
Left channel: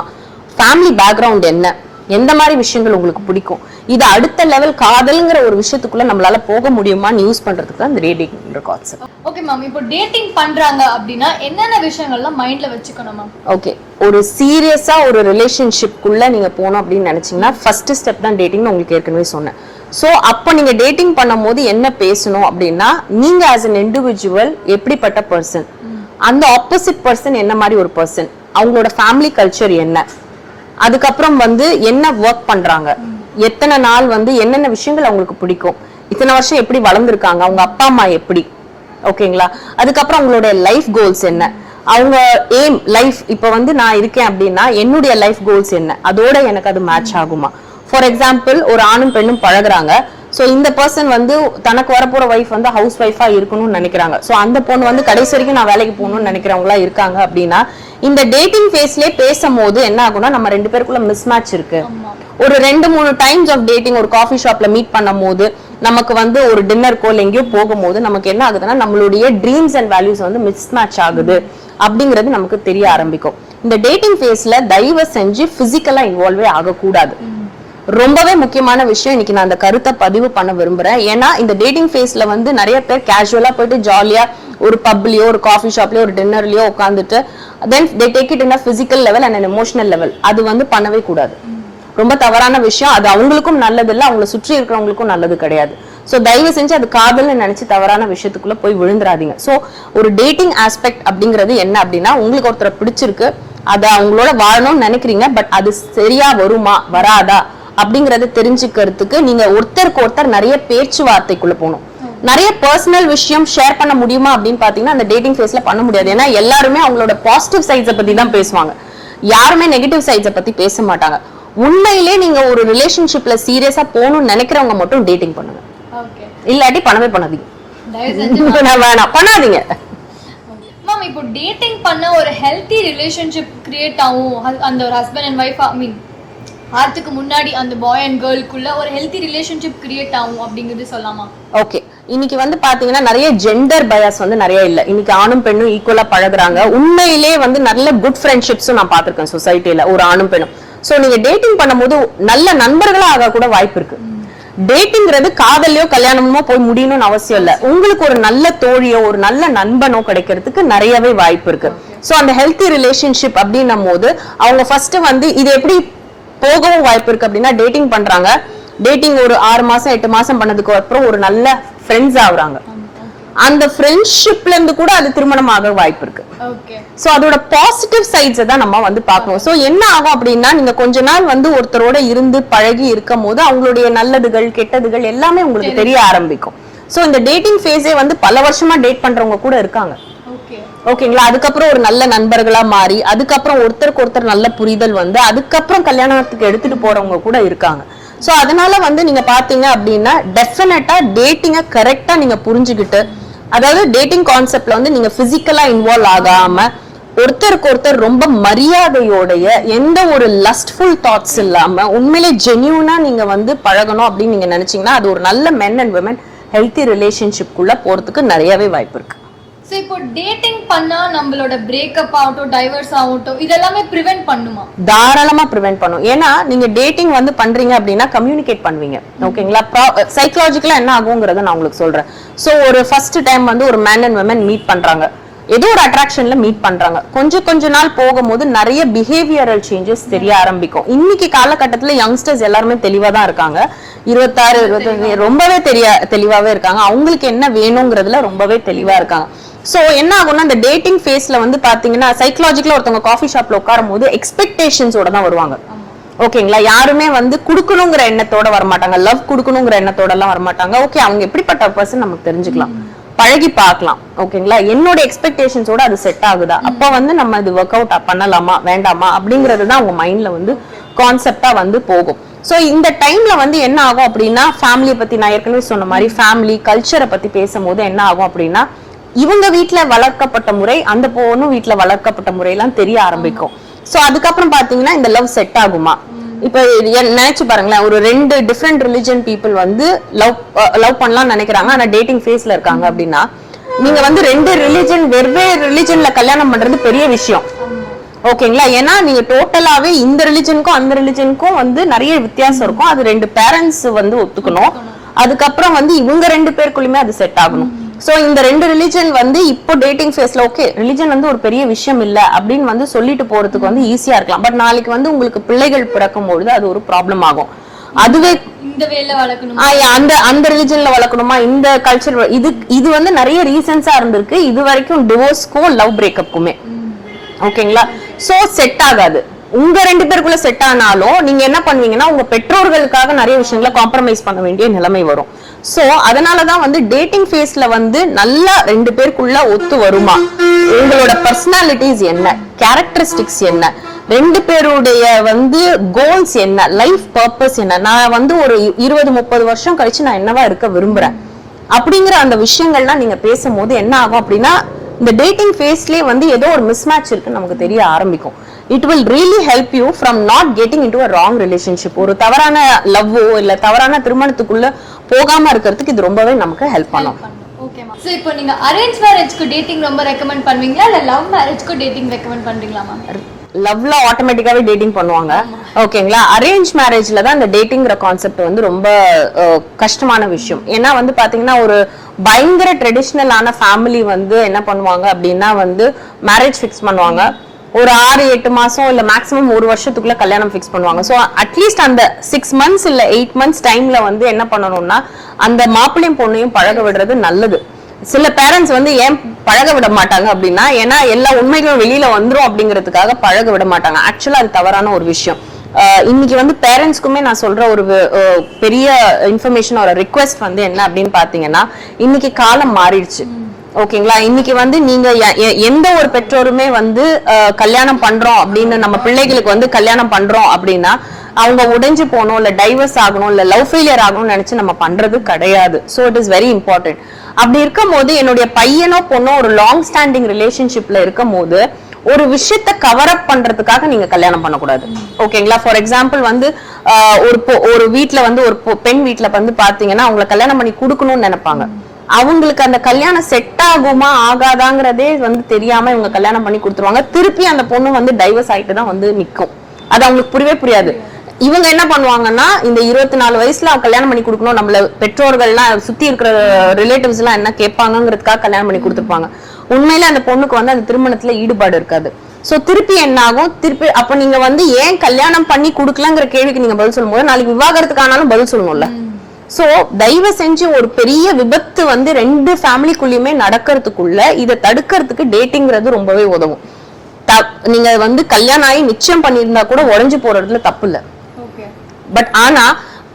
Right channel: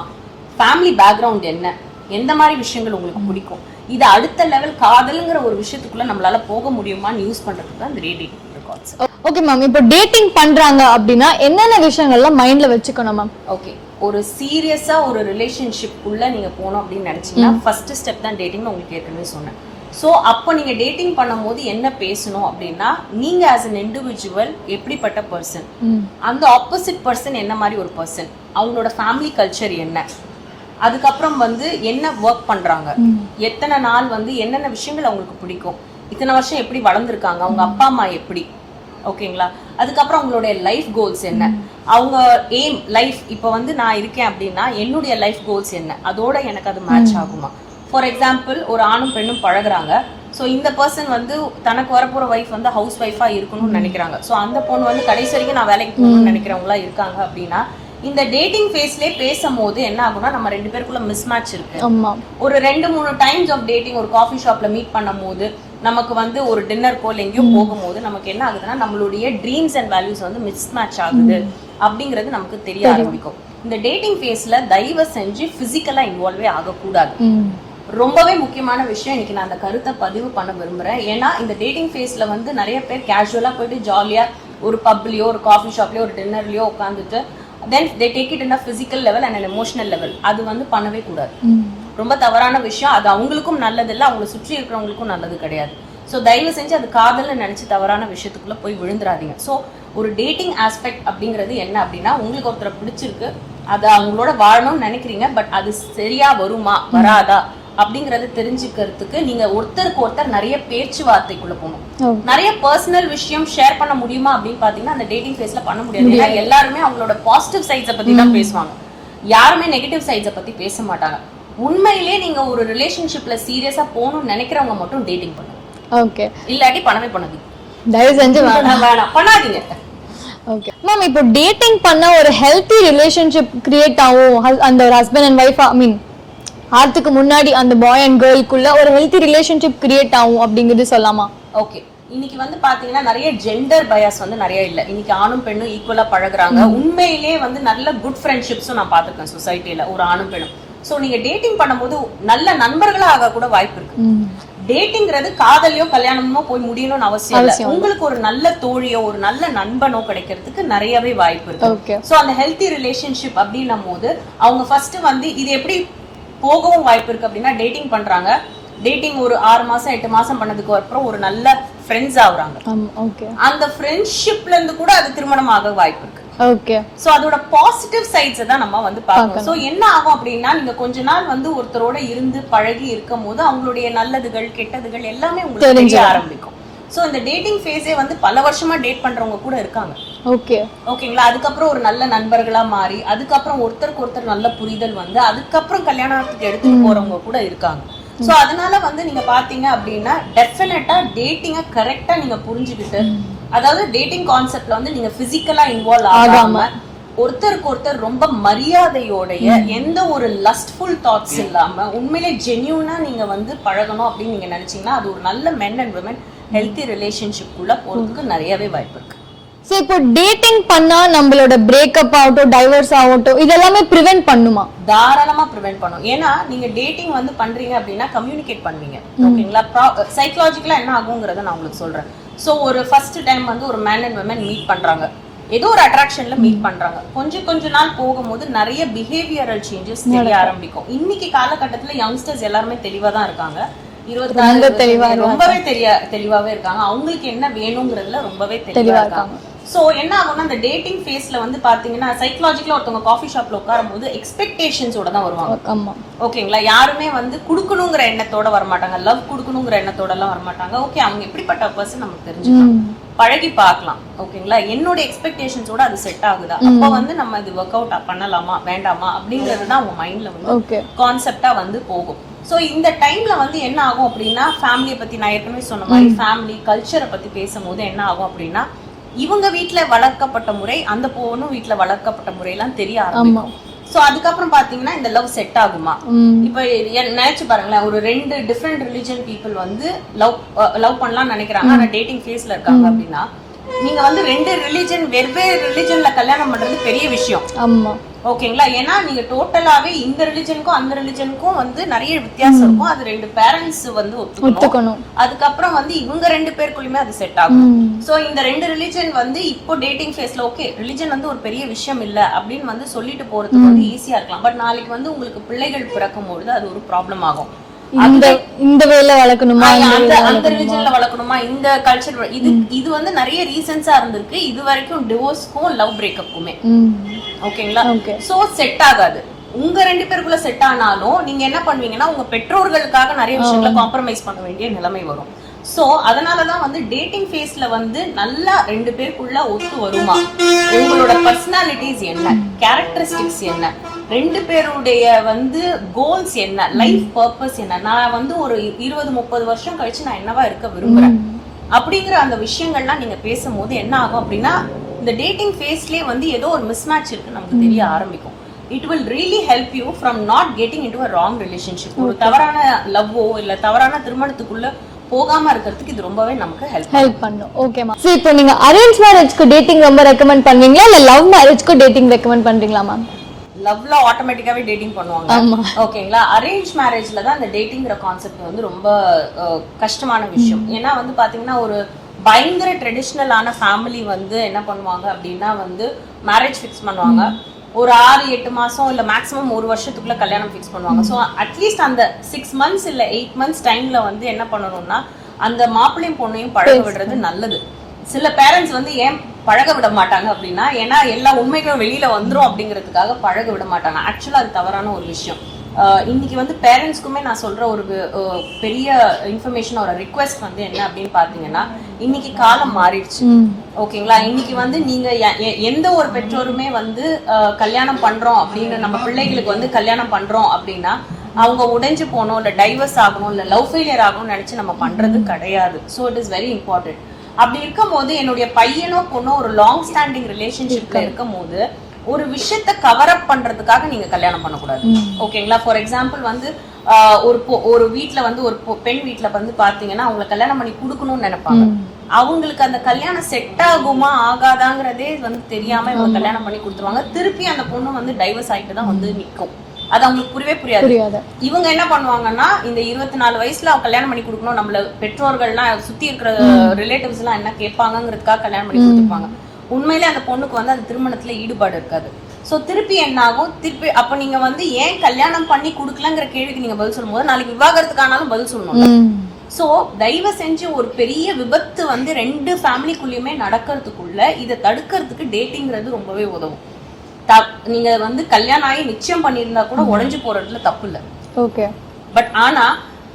ஃபேமிலி பேக்ரவுண்ட் என்ன, எந்த மாதிரி விஷயங்கள் உங்களுக்கு பிடிக்கும், இது அடுத்த லெவல் காதல்ங்கிற ஒரு விஷயத்துக்குள்ள நம்மளால போக முடியுமான்னு யூஸ் பண்றதுக்கு தான் இந்த டேட்டிங் கான்செப்ட். ஓகே மேம், இப்போ டேட்டிங் பண்றாங்க அப்படின்னா என்னென்ன விஷயங்கள்லாம் மைண்ட்ல வச்சுக்கணும் மேம்? ஓகே, ஒரு சீரியஸா ஒரு ரிலேஷன்ஷிப்குள்ள நீங்க போகணும் அப்படின்னு நினைச்சீங்கன்னா ஃபர்ஸ்ட் ஸ்டெப் தான் டேட்டிங்னு உங்களுக்கு ஏற்கனவே சொன்னேன். சோ அப்ப நீங்க டேட்டிங் பண்ணும்போது என்ன பேசணும் அப்படின்னா, நீங்க ஆஸ் an இண்டிவிஜுவல் எப்படிப்பட்ட பர்சன், அந்த ஆப்போசிட் பர்சன் என்ன மாதிரி ஒரு பர்சன், அவங்களோட ஃபேமிலி கல்ச்சர் என்ன, அதுக்கப்புறம் வந்து என்ன ஒர்க் பண்றாங்க, எத்தனை நாள் வந்து என்னென்ன விஷயங்கள் அவங்களுக்கு பிடிக்கும், இத்தனை வருஷம் எப்படி வளர்ந்துருக்காங்க, அவங்க அப்பா அம்மா எப்படி, ஓகேங்களா, அதுக்கப்புறம் அவங்களோட லைஃப் கோல்ஸ் என்ன, அவங்க எய்ம் லைஃப் இப்ப வந்து நான் இருக்கேன் அப்படின்னா என்னுடைய லைஃப் கோல்ஸ் என்ன, அதோட எனக்கு அது மேட்ச் ஆகுமா. ஃபார் எக்ஸாம்பிள் ஒரு ஆணும் பெண்ணும் பழகுறாங்க. சோ இந்த பர்சன் வந்து தனக்கு வரப்போற வைஃப் வந்து ஹவுஸ் வைஃபா இருக்கணும்னு நினைக்கிறாங்க. சோ அந்த பொண்ணு வந்து கடைசி வரைக்கும் நான் வேலைக்கு போகணும்னு நினைக்கிறவங்களா இருக்காங்க அப்படின்னா இந்த டேட்டிங் ஃபேஸ்லயே பேசும்போது என்ன ஆகும்னா நம்ம ரெண்டு பேருக்குள்ள மிஸ் மேட்ச் இருக்கு. ஒரு 2-3 டைம்ஸ் ஆஃப் டேட்டிங் ஒரு காஃபி ஷாப்ல மீட் பண்ணும் போது நமக்கு வந்து ஒரு டின்னருக்கோ எங்கேயோ போகும்போது நமக்கு என்ன ஆகுதுன்னா நம்மளுடைய ட்ரீம்ஸ் அண்ட் வேல்யூஸ் வந்து மிஸ் மேட்ச் ஆகுது அப்படிங்கிறது நமக்கு தெரிய ஆரம்பிக்கும். இந்த டேட்டிங் ஃபேஸ்ல தயவு செஞ்சு பிசிக்கலா இன்வால்வே ஆகக்கூடாது. ரொம்பவே முக்கியமான விஷயம். இன்னைக்கு நான் அந்த கருத்தை பதிவு பண்ண விரும்புறேன். ஏன்னா இந்த டேட்டிங் ஃபேஸ்ல வந்து நிறைய பேர் கேஷுவலா போயிட்டு ஜாலியா ஒரு பப்லயோ ஒரு காஃபி ஷாப்லயோ ஒரு டின்னர்லயோ உட்காந்துட்டு then they take it in a physical level and an emotional level. அது வந்து பண்ணவே கூடாது. ரொம்ப தவறான விஷயம். அது அவங்களுக்கும் நல்லது இல்ல, அவங்களை சுற்றி இருக்கிறவங்களுக்கும் நல்லது கிடையாது. சோ தயவு செஞ்சு அது காதல்னு நினைச்சு தவறான விஷயத்துக்குள்ள போய் விழுந்துராதீங்க. சோ ஒரு டேட்டிங் ஆஸ்பெக்ட் அப்படிங்கிறது என்ன அப்படின்னா, உங்களுக்கு ஒருத்தரை பிடிச்சிருக்கு, அத அவங்களோட வாழணும்னு நினைக்கிறீங்க, பட் அது சரியா வருமா வராதா அப்படிங்கறத தெரிஞ்சுக்கிறதுக்கு நீங்க ஒருத்தருக்கு ஒருத்தர் நிறைய பேச்சுவார்த்தைக்குள்ள போகணும். நிறைய பர்சனல் விஷயம் ஷேர் பண்ண முடியுமா அப்படின்னு பாத்தீங்கன்னா அந்த டேட்டிங் ஃபேஸ்ல பண்ண முடியாது. ஏன்னா எல்லாருமே அவங்களோட பாசிட்டிவ் சைட்ஸை பத்தி தான் பேசுவாங்க, யாருமே நெகட்டிவ் சைட்ஸை பத்தி பேச மாட்டாங்க. உண்மையிலே நீங்க ஒரு ரிலேஷன்ஷிப்ல சீரியஸா போகணும்னு நினைக்கிறவங்க மட்டும் டேட்டிங் பண்ணுங்க. ஓகே, இல்லாட்டி பண்ணவே பண்ணாதீங்க. தயவு செஞ்சு வேணாம், பண்ணாதீங்க. ஓகே மேம், இப்போ டேட்டிங் பண்ண ஒரு ஹெல்தி ரிலேஷன்ஷிப் கிரியேட் ஆகும் அந்த ஹஸ்பண்ட் அண்ட் வைஃப், ஐ மீன் ஆர்த்துக்கு முன்னாடி அந்த பாய் அண்ட் கேர்ள்க்குள்ள ஒரு ஹெல்தி ரிலேஷன்ஷிப் கிரியேட் ஆகும் அப்படிங்கிறது சொல்லலாமா? ஓகே, இன்னைக்கு வந்து பாத்தீங்கன்னா நிறைய ஜெண்டர் பயாஸ் வந்து நிறைய இல்ல. இன்னைக்கு ஆணும் பெண்ணும் ஈக்குவலா பழகுறாங்க. உண்மையிலே வந்து நல்ல குட் ஃப்ரெண்ட்ஷிப்ஸும் நான் பாத்திருக்கேன் சொசைட்டில, ஒரு ஆணும் பெண்ணும். சோ நீங்க டேட்டிங் பண்ணும்போது நல்ல நண்பர்களா ஆக கூட வாய்ப்பு இருக்கு. டேட்டிங்கிறது காதலையோ கல்யாணமோ போய் முடியணும்னு அவசியம் இல்ல. உங்களுக்கு ஒரு நல்ல தோழியோ ஒரு நல்ல நண்பனோ கிடைக்கிறதுக்கு நிறையவே வாய்ப்பு இருக்கு. சோ அந்த ஹெல்தி ரிலேஷன்ஷிப் அப்படின்னும் போது அவங்க ஃபர்ஸ்ட் வந்து இது எப்படி போகவும் வாய்ப்பு இருக்கு அப்படின்னா, டேட்டிங் பண்றாங்க, டேட்டிங் ஒரு 6 மாசம் 8 மாசம் பண்ணதுக்கு அப்புறம் ஒரு நல்ல ஃப்ரெண்ட்ஸ் ஆகுறாங்க. அந்த ஃப்ரெண்ட்ஷிப்ல இருந்து கூட அது திருமணம் ஆக வாய்ப்பு இருக்கு. ஓகே, சோ அதோட பாசிட்டிவ் சைட்ஸ் தான் நம்ம வந்து பார்க்கணும். சோ என்ன ஆகும் அப்படின்னா, நீங்க கொஞ்ச நாள் வந்து ஒருத்தரோட இருந்து பழகி இருக்கும் போது அவங்களுடைய நல்லதுகள் கெட்டதுகள் எல்லாமே உங்களுக்கு தெரிய ஆரம்பிக்கும். சோ இந்த டேட்டிங் ஃபேஸே வந்து பல வருஷமா டேட் பண்றவங்க கூட இருக்காங்க. ஓகே, ஓகேங்களா. அதுக்கப்புறம் ஒரு நல்ல நண்பர்களா மாறி அதுக்கப்புறம் ஒருத்தருக்கு ஒருத்தர் நல்ல புரிதல் வந்து அதுக்கப்புறம் கல்யாணத்துக்கு எடுத்துட்டு போறவங்க கூட இருக்காங்க. சோ அதனால வந்து நீங்க பாத்தீங்க அப்படின்னா டெஃபினட்டா டேட்டிங்க கரெக்டா நீங்க புரிஞ்சுக்கிட்டு, அதாவது டேட்டிங் கான்செப்ட்ல வந்து நீங்க பிசிக்கலா இன்வால்வ் ஆகாம ஒருத்தருக்கு ஒருத்தர் ரொம்ப மரியாதையோடைய எந்த ஒரு லஸ்ட்ஃபுல் தாட்ஸ் இல்லாம உண்மையிலே ஜென்யூனா நீங்க வந்து பழகணும் அப்படின்னு நீங்க நினைச்சீங்கன்னா அது ஒரு நல்ல மென் அண்ட் விமன் ஹெல்தி ரிலேஷன்ஷிப்குள்ள போறதுக்கு நிறையவே வாய்ப்பு இருக்கு. சோ இப்போ டேட்டிங் பண்ணா நம்மளோட பிரேக்கப் ஆகட்டும் டைவர்ஸ் ஆகட்டும் இதெல்லாமே பிரிவென்ட் பண்ணுமா? தாராளமா பிரிவென்ட் பண்ணும். ஏன்னா நீங்க டேட்டிங் வந்து பண்றீங்க அப்படின்னா கம்யூனிகேட் பண்ணுவீங்க. ஓகேங்களா. சைக்காலஜிக்கலா என்ன ஆகுங்கிறத நான் உங்களுக்கு சொல்றேன். சோ ஒரு ஃபர்ஸ்ட் டைம் வந்து ஒரு மேன் அண்ட் விமன் மீட் பண்றாங்க, ஏதோ ஒரு அட்ராக்ஷன்ல மீட் பண்றாங்க. கொஞ்ச நாள் போகும்போது நிறைய பிஹேவியரல் சேஞ்சஸ் தெரிய ஆரம்பிக்கும். இன்னைக்கு காலகட்டத்துல யங்ஸ்டர்ஸ் எல்லாருமே தெளிவா தான் இருக்காங்க. 26 ரொம்பவே தெளிவாவே இருக்காங்க. அவங்களுக்கு என்ன வேணுங்கிறதுல ரொம்பவே தெளிவா இருக்காங்க. சோ என்ன ஆகும்னா அந்த டேட்டிங் ஃபேஸ்ல வந்து பாத்தீங்கன்னா சைக்காலஜிக்கலா ஒருத்தவங்க காஃபி ஷாப்ல உட்காரும் போது எக்ஸ்பெக்டேஷன்ஸோட தான் வருவாங்க. ஓகேங்களா. யாருமே வந்து குடுக்கணுங்கிற எண்ணத்தோட வரமாட்டாங்க, லவ் குடுக்கணுங்கிற எண்ணத்தோட எல்லாம் வரமாட்டாங்க. ஓகே, அவங்க எப்படிப்பட்ட பர்சன் நமக்கு தெரிஞ்சுக்கலாம், பழகி பார்க்கலாம். ஓகேங்களா. என்னோட எக்ஸ்பெக்டேஷன்ஸோட அது செட் ஆகுதா, அப்ப வந்து நம்ம இது ஒர்க் அவுட் பண்ணலாமா வேண்டாமா அப்படிங்கறதுதான் அவங்க மைண்ட்ல வந்து கான்செப்டா வந்து போகும். சோ இந்த டைம்ல வந்து என்ன ஆகும் அப்படின்னா, ஃபேமிலியை பத்தி நான் ஏற்கனவே சொன்ன மாதிரி ஃபேமிலி கல்ச்சரை பத்தி பேசும்போது என்ன ஆகும் அப்படின்னா, இவங்க வீட்டுல வளர்க்கப்பட்ட முறை அந்த பொண்ணும் வீட்டுல வளர்க்கப்பட்ட முறை எல்லாம் தெரிய ஆரம்பிக்கும். சோ அதுக்கப்புறம் பாத்தீங்கன்னா இந்த லவ் செட் ஆகுமா? இப்ப நினைச்சு பாருங்களேன், ஒரு 2 டிஃபரெண்ட் ரிலிஜன் பீப்புள் வந்து லவ் பண்ணலாம் நினைக்கிறாங்க, ஆனா டேட்டிங் ஃபேஸ்ல இருக்காங்க அப்படின்னா நீங்க வந்து 2 ரிலிஜன் வெவ்வேறு ரிலிஜன்ல கல்யாணம் பண்றது பெரிய விஷயம். ஓகேங்களா. ஏன்னா நீங்க டோட்டலாவே இந்த ரிலிஜனுக்கும் அந்த ரிலிஜனுக்கும் வந்து நிறைய வித்தியாசம் இருக்கும். அது 2 பேரண்ட்ஸ் வந்து ஒத்துக்கணும். அதுக்கப்புறம் வந்து இவங்க 2 பேருக்குள்ளயுமே அது செட் ஆகணும். சோ இந்த 2 ரிலிஜன் வந்து இப்போ டேட்டிங் ஃபேஸ்ல ஓகே ரிலிஜன் வந்து ஒரு பெரிய விஷயம் இல்ல அப்படின்னு வந்து சொல்லிட்டு போறதுக்கு வந்து ஈஸியா இருக்கலாம். பட் நாளைக்கு வந்து உங்களுக்கு பிள்ளைகள் பிறக்கும் பொழுது அது ஒரு ப்ராப்ளம் ஆகும். அதுவே இந்த வேல வளர்க்கணுமா, அந்த ரிலிஜன்ல வளர்க்கணுமா, இந்த கல்ச்சர், இது வந்து நிறைய ரீசன்ஸா இருந்திருக்கு இது வரைக்கும் டிவோர்ஸ்க்கும் லவ் பிரேக்கப்புக்குமே. ஓகேங்களா. சோ செட் ஆகாது. உங்க 2 பேருக்குள்ள செட் ஆனாலும் நீங்க என்ன பண்ணுவீங்கன்னா உங்க பெற்றோர்களுக்காக நிறைய விஷயங்களை காம்ப்ரமைஸ் பண்ண வேண்டிய நிலைமை வரும். சோ அதனாலதான் வந்து டேட்டிங் ஃபேஸ்ல வந்து நல்லா 2 பேருக்குள்ள ஒத்து வருமா, உங்களோட பர்சனாலிட்டிஸ் என்ன, கேரக்டரிஸ்டிக்ஸ் என்ன, 2 பேருடைய வந்து கோல்ஸ் என்ன, லைஃப் பர்பஸ் என்ன, நான் வந்து ஒரு 20-30 வருஷம் கழிச்சு நான் என்னவா இருக்க விரும்புறேன் அப்படிங்கிற அந்த விஷயங்கள்லாம் நீங்க பேசும்போது என்ன ஆகும் அப்படின்னா இந்த டேட்டிங் ஃபேஸ்லயே வந்து ஏதோ ஒரு மிஸ்மேட்ச் இருக்கு நமக்கு தெரிய ஆரம்பிக்கும். It will really help you from not getting into a wrong relationship. ஒரு தவறான லவ்வோ இல்ல தவறான திருமணத்துக்குள்ள போகாம இருக்கிறதுக்கு இது ரொம்பவே நமக்கு ஹெல்ப் பண்ணும். ஓகேமா. சோ இப்போ நீங்க அரேஞ்ச் மேரேஜ்க்கு டேட்டிங் ரொம்ப ரெக்கமெண்ட் பண்ணுவீங்களா இல்ல லவ் மேரேஜ்க்கு டேட்டிங் ரெக்கமெண்ட் பண்றீங்களா மேம்? லவ்ல ஆட்டோமேட்டிக்காவே டேட்டிங் பண்ணுவாங்க. ஓகேங்களா? அரேஞ்ச் மேரேஜ்ல தான் இந்த டேட்டிங்ற கான்செப்ட் வந்து ரொம்ப கஷ்டமான விஷயம். ஏன்னா வந்து பாத்தீங்கன்னா ஒரு பயங்கர ட்ரெடிஷனலான ஃபேமிலி வந்து என்ன பண்ணுவாங்க அப்படின்னா வந்து மேரேஜ் ஃபிக்ஸ் பண்ணுவாங்க. ஒரு 6-8 மாசம் இல்ல மேக்ஸிமம் ஒரு வருஷத்துக்குள்ள கல்யாணம் ஃபிக்ஸ் பண்ணுவாங்க. சோ அட்லீஸ்ட் அந்த 6 months இல்ல 8 months டைம்ல வந்து என்ன பண்ணணும்னா அந்த மாப்பிள்ளையும் பொண்ணையும் பழக விடுறது நல்லது. சில பேரண்ட்ஸ் வந்து ஏன் பழக விட மாட்டாங்க அப்படின்னா ஏன்னா எல்லா உண்மைகளும் வெளியில வந்துரும் அப்படிங்கிறதுக்காக பழக விட மாட்டாங்க. ஆக்சுவலா அது தவறான ஒரு விஷயம். இன்னைக்கு வந்து பேரண்ட்ஸ்க்குமே நான் சொல்ற ஒரு பெரிய இன்ஃபர்மேஷன் ஒரு ரிக்வெஸ்ட் வந்து என்ன அப்படின்னு பாத்தீங்கன்னா இன்னைக்கு காலம் மாறிடுச்சு. ஓகேங்களா? இன்னைக்கு வந்து நீங்க எந்த ஒரு பெற்றோருமே வந்து கல்யாணம் பண்றோம் அப்படின்னு நம்ம பிள்ளைகளுக்கு வந்து கல்யாணம் பண்றோம் அப்படின்னா அவங்க உடைஞ்சு போகணும் இல்ல டைவர்ஸ் ஆகணும் இல்ல லவ் ஃபெயிலியர் ஆகணும்னு நினைச்சு நம்ம பண்றது கிடையாது. So it is very important. அப்படி இருக்கும் போது என்னுடைய பையனோ பொண்ணோ ஒரு லாங் ஸ்டாண்டிங் ரிலேஷன்ஷிப்ல இருக்கும் போது ஒரு விஷயத்த கவர் அப் பண்றதுக்காக நீங்க கல்யாணம் பண்ணக்கூடாது. ஓகேங்களா? ஃபார் எக்ஸாம்பிள் வந்து ஒரு வீட்டுல வந்து ஒரு பெண் வீட்டுல வந்து பாத்தீங்கன்னா அவங்களை கல்யாணம் பண்ணி கொடுக்கணும்னு நினைப்பாங்க. அவங்களுக்கு அந்த கல்யாணம் செட் ஆகுமா ஆகாதாங்கிறதே வந்து தெரியாம இவங்க கல்யாணம் பண்ணி கொடுத்துருவாங்க. திருப்பி அந்த பொண்ணு வந்து டைவர்ஸ் ஆயிட்டு தான் வந்து நிக்கும். அது அவங்களுக்கு புரியவே புரியாது. இவங்க என்ன பண்ணுவாங்கன்னா இந்த 24 வயசுல கல்யாணம் பண்ணி கொடுக்கணும், நம்மள பெற்றோர்கள்லாம் சுத்தி இருக்கிற ரிலேட்டிவ்ஸ் எல்லாம் என்ன கேட்பாங்கிறதுக்காக கல்யாணம் பண்ணி கொடுத்துருப்பாங்க. உண்மையில அந்த பொண்ணுக்கு வந்து அந்த திருமணத்துல ஈடுபாடு இருக்காது. சோ திருப்பி என்ன ஆகும்? திருப்பி அப்ப நீங்க வந்து ஏன் கல்யாணம் பண்ணி கொடுக்கலங்கிற கேள்விக்கு நீங்க பதில் சொல்லும் போது நாளைக்கு விவாகரத்துக்கானாலும் பதில் சொல்லணும்ல. சோ தயவு செஞ்சு ஒரு பெரிய விபத்து வந்து 2 ஃபேமிலிக்குள்ளயுமே நடக்கிறதுக்குள்ள இதை தடுக்கிறதுக்கு டேட்டிங்கிறது ரொம்பவே உதவும். நீங்க வந்து கல்யாணம் ஆகி நிச்சயம் பண்ணிருந்தா கூட உடைஞ்சு போறதுல தப்பு இல்ல. பட் ஆனா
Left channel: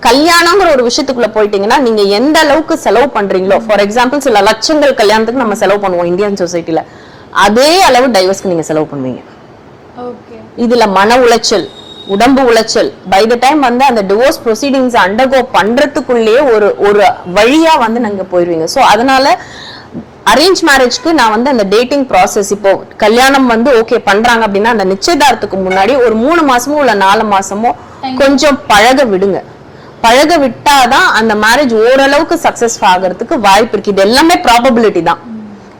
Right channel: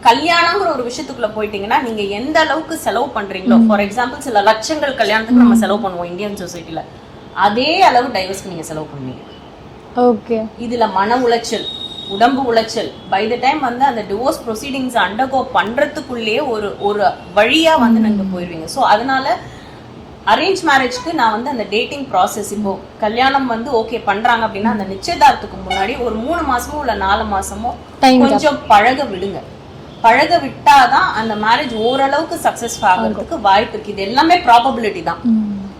கல்யாணம்ங்கிற ஒரு விஷயத்துக்குள்ள போயிட்டீங்கன்னா நீங்க எந்த அளவுக்கு செலவு பண்றீங்களோ, ஃபார் எக்ஸாம்பிள் சில லட்சங்கள் கல்யாணத்துக்கு நம்ம செலவு பண்ணுவோம் இந்தியன் சொசைட்டில, அதே அளவு டைவர்ஸ்க்கு நீங்க செலவு பண்ணுவீங்க. இதுல மன உளைச்சல், உடம்பு உளைச்சல், பை த டைம் வந்து அந்த டிவோர்ஸ் ப்ரொசீடிங்ஸ் அண்டர்கோ பண்றதுக்குள்ளேயே ஒரு வழியா வந்து நீங்க போயிருவீங்க. சோ அதனால அரேஞ்ச் மேரேஜ்க்கு நான் வந்து அந்த டேட்டிங் ப்ராசஸ் இப்போ கல்யாணம் வந்து ஓகே பண்றாங்க அப்படின்னா அந்த நிச்சயதார்த்தத்துக்கு முன்னாடி ஒரு 3 மாசமோ இல்ல 4 மாசமோ கொஞ்சம் பழக விடுங்க. பழக விட்டாதான் அந்த மேரேஜ் ஓரளவுக்கு சக்சஸ் ஆகிறதுக்கு வாய்ப்பு இருக்கு. இது எல்லாமே ப்ராபபிலிட்டி தான்.